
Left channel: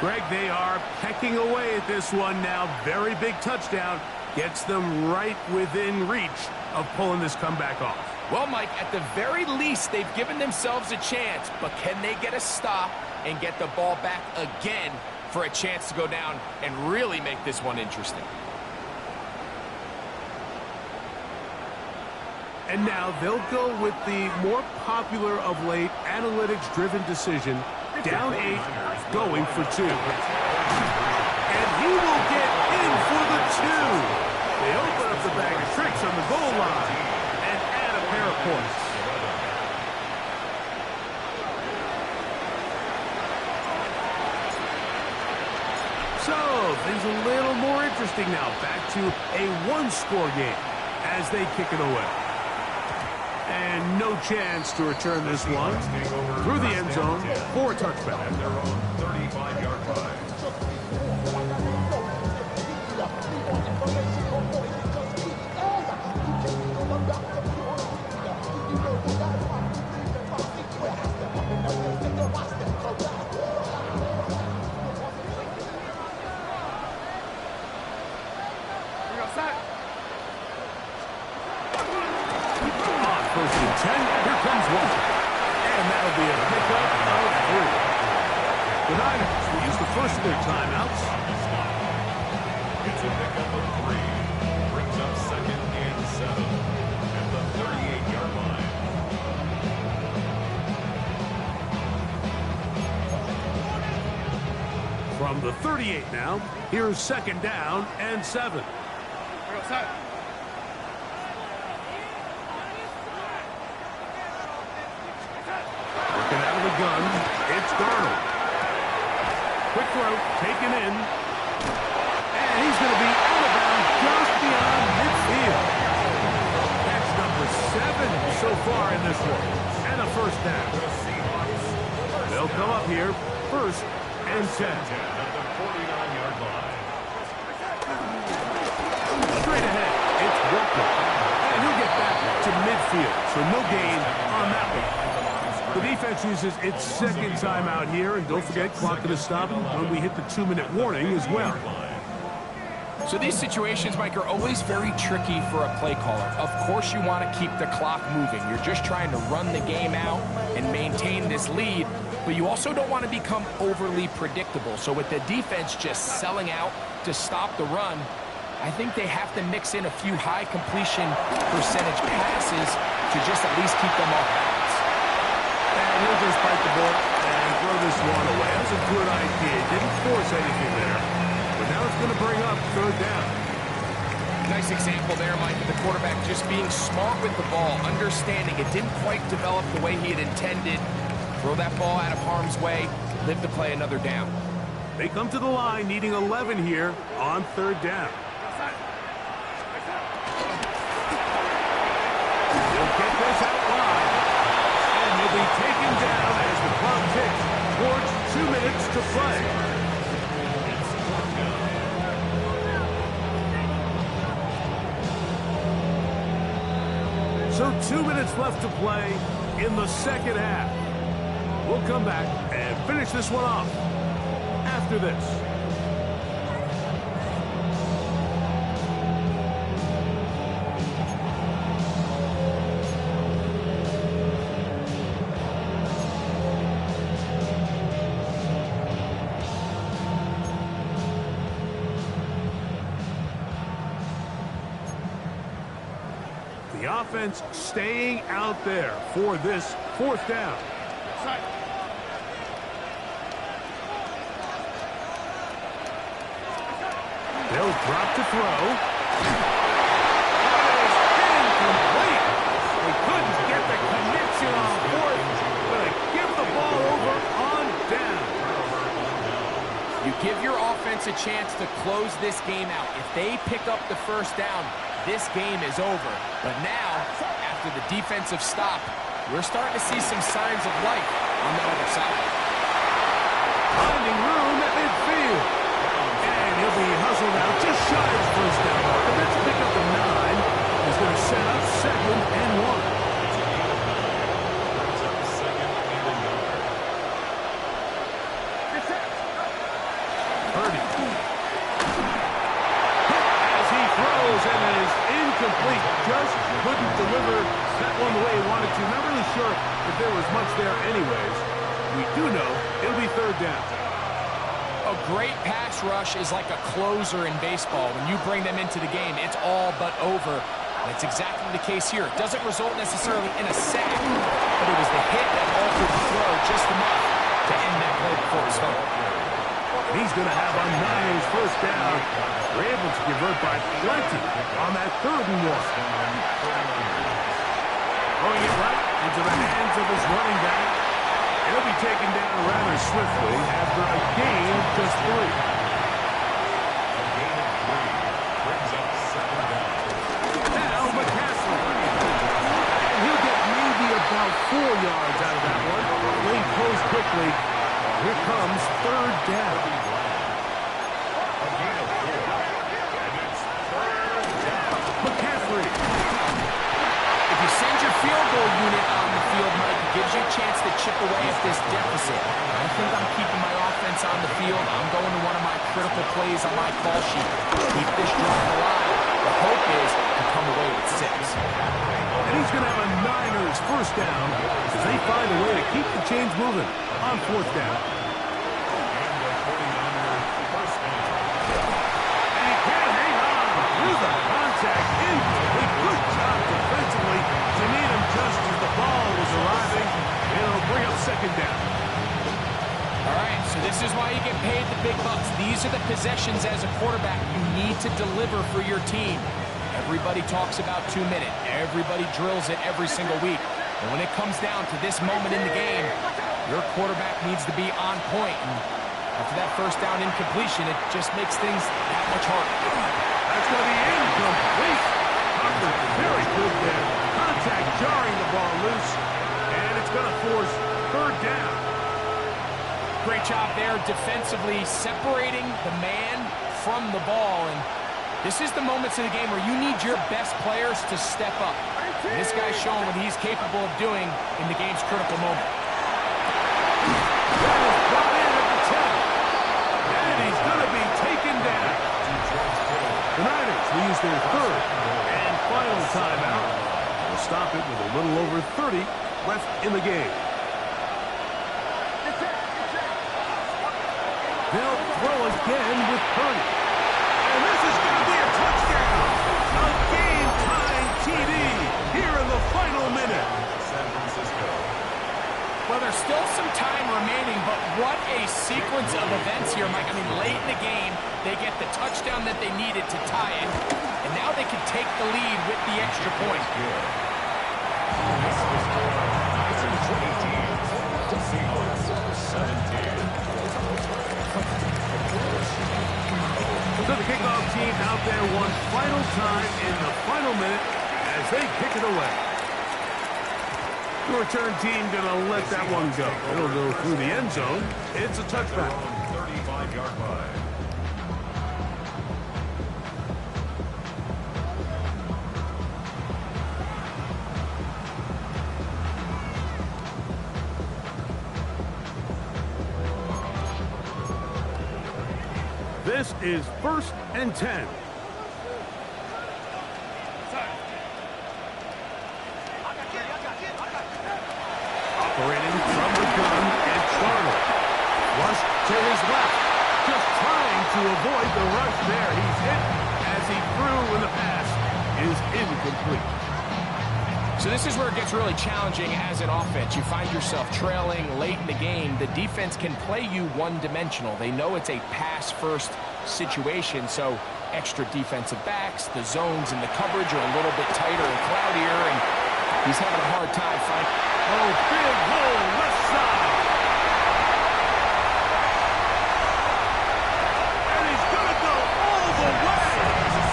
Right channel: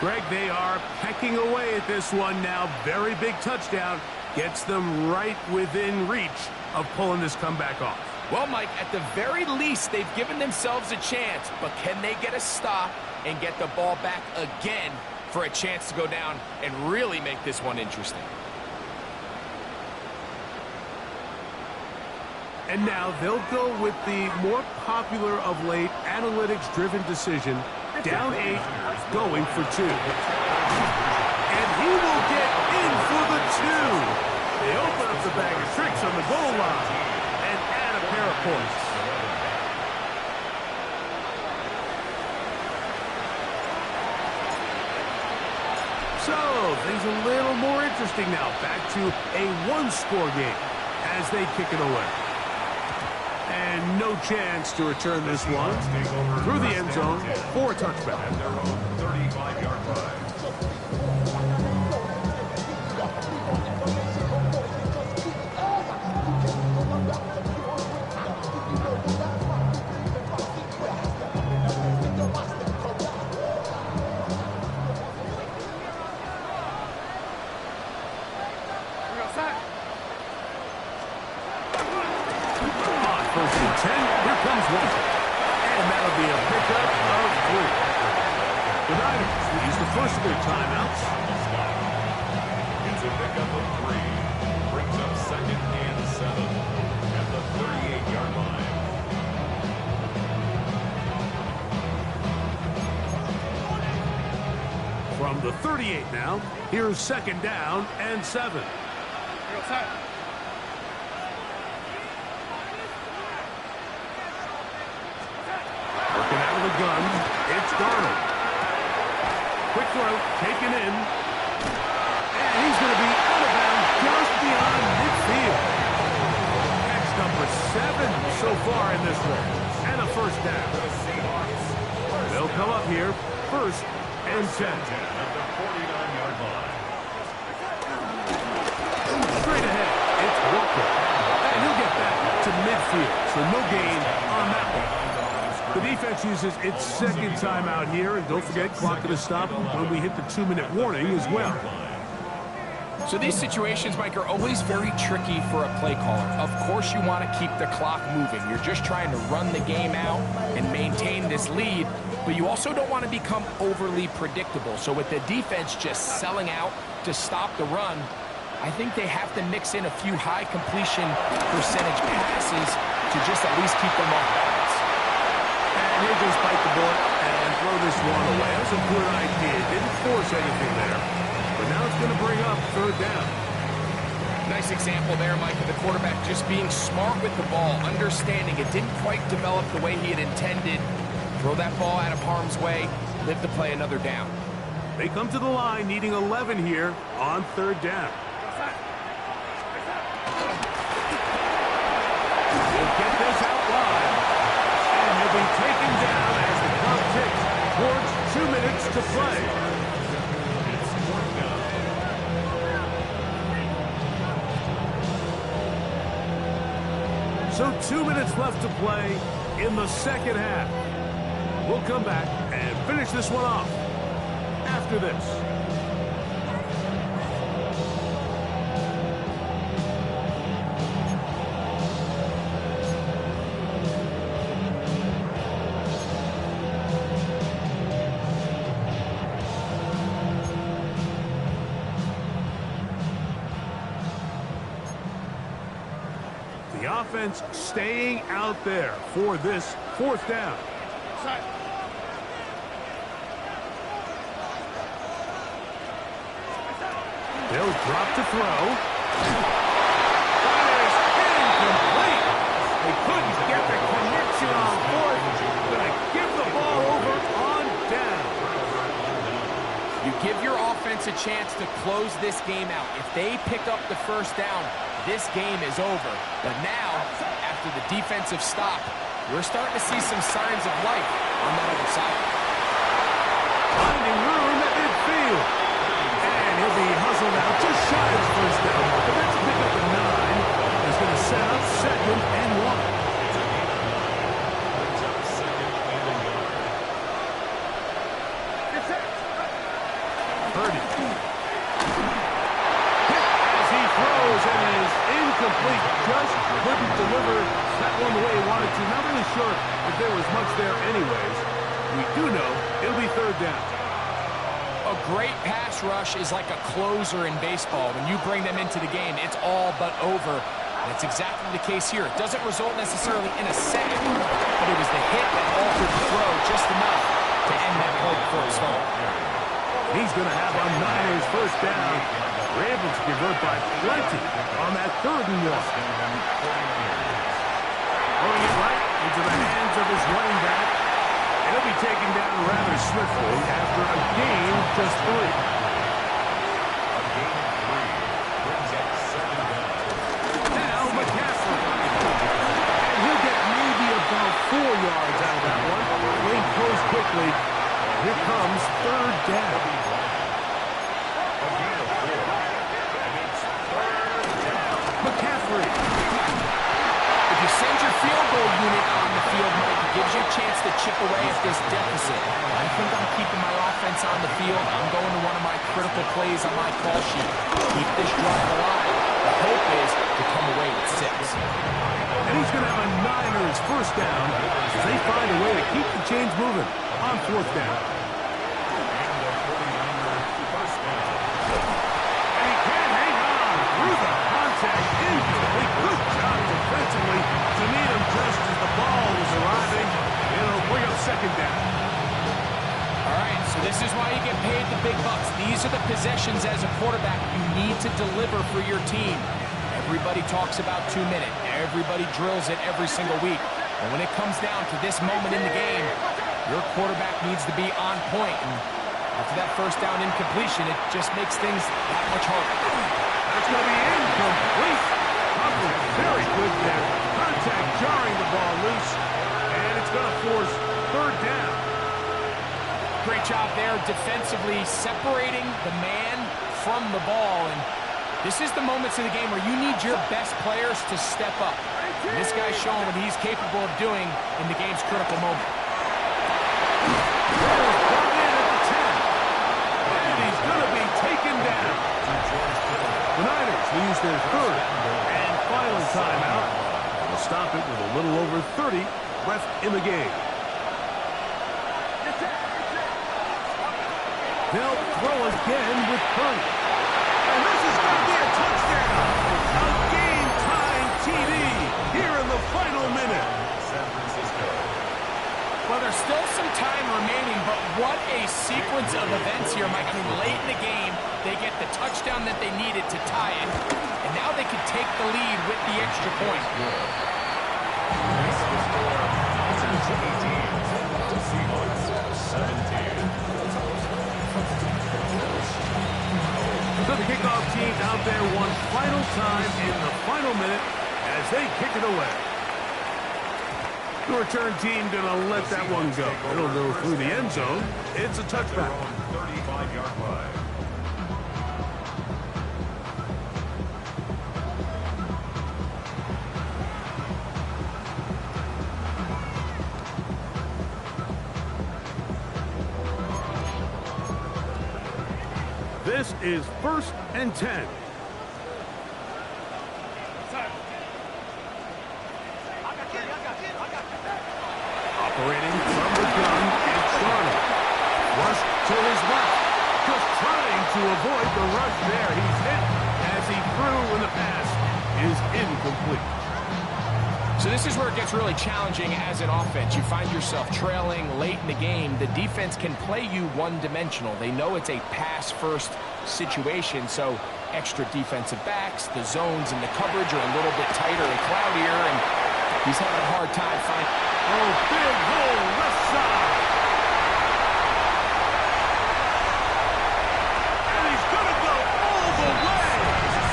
Greg, they are pecking away at this one now. Very big touchdown. Gets them right within reach of pulling this comeback off. Well, Mike, at the very least, they've given themselves a chance, but can they get a stop and get the ball back again for a chance to go down and really make this one interesting? And now they'll go with the more popular of late analytics-driven decision, down 8, going for 2. And he will get in for the 2. They open up the bag of tricks on the goal line and add a pair of points. So, things a little more interesting now. Back to a one-score game as they kick it away. And no chance to return this one through the end zone for a touchback. At their own 35-yard line. First and 10, here comes Walker. And that'll be a pickup of 3. The Niners will use the first of their timeouts. It's a pickup of 3. Brings up 2nd and 7 at the 38-yard line. From the 38 now, here's 2nd down and 7. Working out of the gun, it's Darnold. Quick throw, taken in. And he's going to be out of bounds just beyond midfield. Catch number 7 so far in this one. And a first down. They'll come up here, 1st and 10. At the 49-yard line. Straight ahead, it's Walker. And he'll get back to midfield, so no gain on that one. The defense uses its 2nd timeout here, and don't forget, clock going to stop when we hit the 2-minute warning as well. So these situations, Mike, are always very tricky for a play caller. Of course you want to keep the clock moving. You're just trying to run the game out and maintain this lead, but you also don't want to become overly predictable. So with the defense just selling out to stop the run, I think they have to mix in a few high completion percentage passes to just at least keep them off balance. And he'll just bite the bullet and throw this one away. That was a good idea. Didn't force anything there. But now it's going to bring up 3rd down. Nice example there, Mike, of the quarterback just being smart with the ball, understanding it didn't quite develop the way he had intended. Throw that ball out of harm's way, live to play another down. They come to the line needing 11 here on 3rd down. He'll get this out wide. And he'll be taken down as the clock ticks towards 2 minutes to play. It's 4th down. So 2 minutes left to play in the 2nd half. We'll come back and finish this one off after this. The offense staying out there for this 4th down. They'll drop to throw. That is incomplete. They couldn't get the connection on 4th. Gonna give the ball over on down. You give your offense a chance to close this game out. If they pick up the 1st down, this game is over. But now, after the defensive stop, we're starting to see some signs of life on that other side. whistle now, just shy of the first down mark. That's a pick up a 9. Is going to set up 2nd and 1. It's a gain of 9. Brings up 2nd and a yard. Purdy. Hit as he throws, and it is incomplete. Just couldn't deliver that one the way he wanted to. Not really sure if there was much there anyways. We do know it'll be 3rd down. A great pass rush is like a closer in baseball. When you bring them into the game, it's all but over. That's exactly the case here. It doesn't result necessarily in a sack, but it was the hit that altered the throw just enough to end that play before it was finished. He's going to have a Niners 1st down. They're able to convert by plenty on that 3rd and 1. Throwing it right into the hands of his running back. He'll be taken down rather swiftly after a gain of just 3. A gain of 3 brings up 2nd down. Now McCaffrey. And he'll get maybe about 4 yards out of that one. Lane closed quickly. Here comes 3rd down. A gain of 4. And it's 3rd down. McCaffrey. If you send your field goal unit on the field, Mike, it gives you a chance to chip away at this deficit. I think I'm keeping my offense on the field. I'm going to one of my critical plays on my call sheet. Keep this drive alive. The hope is to come away with 6. And he's going to have a Niners 1st down as they find a way to keep the chains moving on 4th down. And the 49ers 1st down. And he can't hang on through the contact. Incomplete. Good job defensively to meet him just as the ball was arriving. It'll bring up 2nd down. All right, so this is why you get paid the big bucks. These are the possessions as a quarterback you need to deliver for your team. Everybody talks about 2-minute. Everybody drills it every single week. But when it comes down to this moment in the game, your quarterback needs to be on point. And after that 1st down incompletion, it just makes things that much harder. That's going to be incomplete. Coverage very good there. Contact jarring the ball loose. And it's going to force 3rd down. Great job there defensively, separating the man from the ball. And this is the moments of the game where you need your best players to step up. And this guy's showing what he's capable of doing in the game's critical moment. That is brought in at the 10. And he's going to be taken down. The Niners will use their 3rd and final timeout. They'll stop it with a little over 30 left in the game. They'll throw again with Purdy. And this is going to be a touchdown. A game-tying TD here in the final minute. San Francisco. Well, there's still some time remaining, but what a sequence of events here, Mike. I mean, late in the game, they get the touchdown that they needed to tie it, and now they can take the lead with the extra point. This was for Niners 18, Seahawks 17. So the kickoff team out there one final time in the final minute as they kick it away. The return team going to let that one go. It'll go through the end zone. It's a touchback. 35-yard line. This is 1st and 10. Operating from the gun, it's Darnold. Rush to his left. Just trying to avoid the rush there. He's hit as he threw when the pass is incomplete. So this is where it gets really challenging as an offense. You find yourself trailing late in the game. The defense can play you one-dimensional. They know it's a pass-first situation, so extra defensive backs, the zones and the coverage are a little bit tighter and cloudier, and he's having a hard time finding... Oh, big hole, left side. And he's going to go all the way.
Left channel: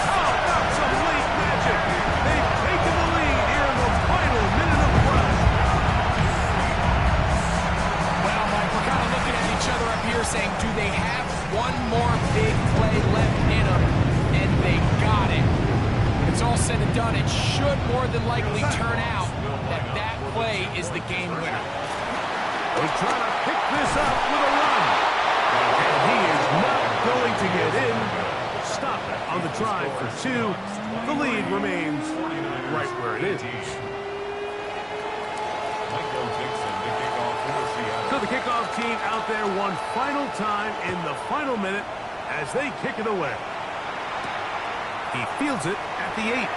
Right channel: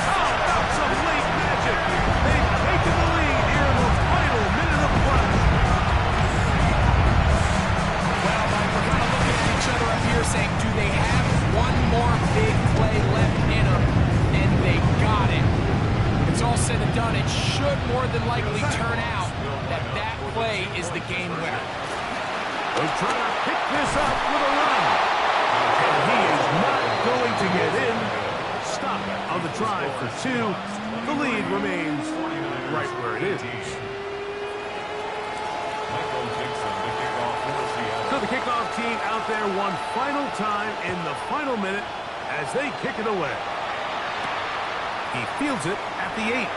How about some late magic? They've taken the lead here in the final minute of play. Well, Mike, we're kind of looking at each other up here saying, do they have one more big play left in them? And they got it. It's all said and done. It should more than likely turn out that that play is the game winner. He's trying to pick this up with a run. And he is not going to get in. Stop on the try for 2. The lead remains right where it is. So the kickoff team out there one final time in the final minute as they kick it away. He fields it at the 8.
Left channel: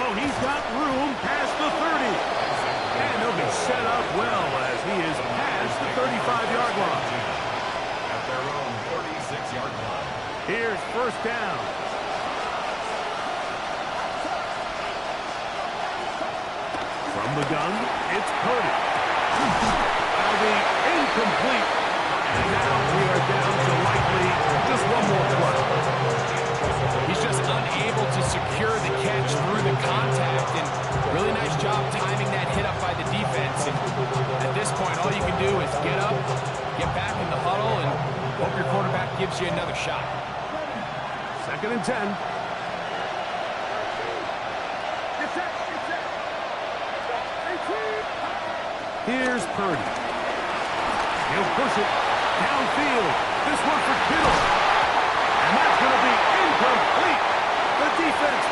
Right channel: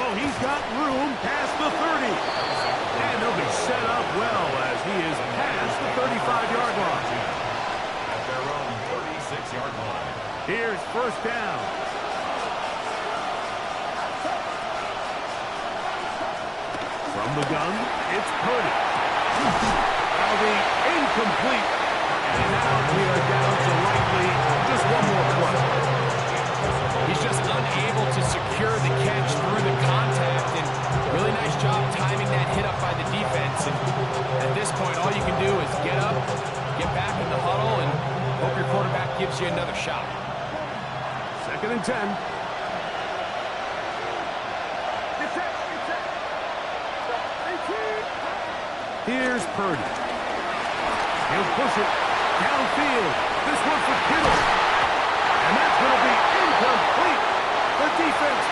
Oh, he's got room past the 30. And he'll be set up well as he is past the 35-yard line. At their own 36-yard line. Here's first down. From the gun, it's Purdy. That'll be incomplete. And now we are down to likely just one more play. He's just unable to secure the catch through the contact, and really nice job timing that hit up by the defense. And at this point, all you can do is get up, get back in the huddle, and hope your quarterback gives you another shot. 2nd and 10. Here's Purdy. He'll push it downfield. This one for Kittle. And that's going to be incomplete. The defense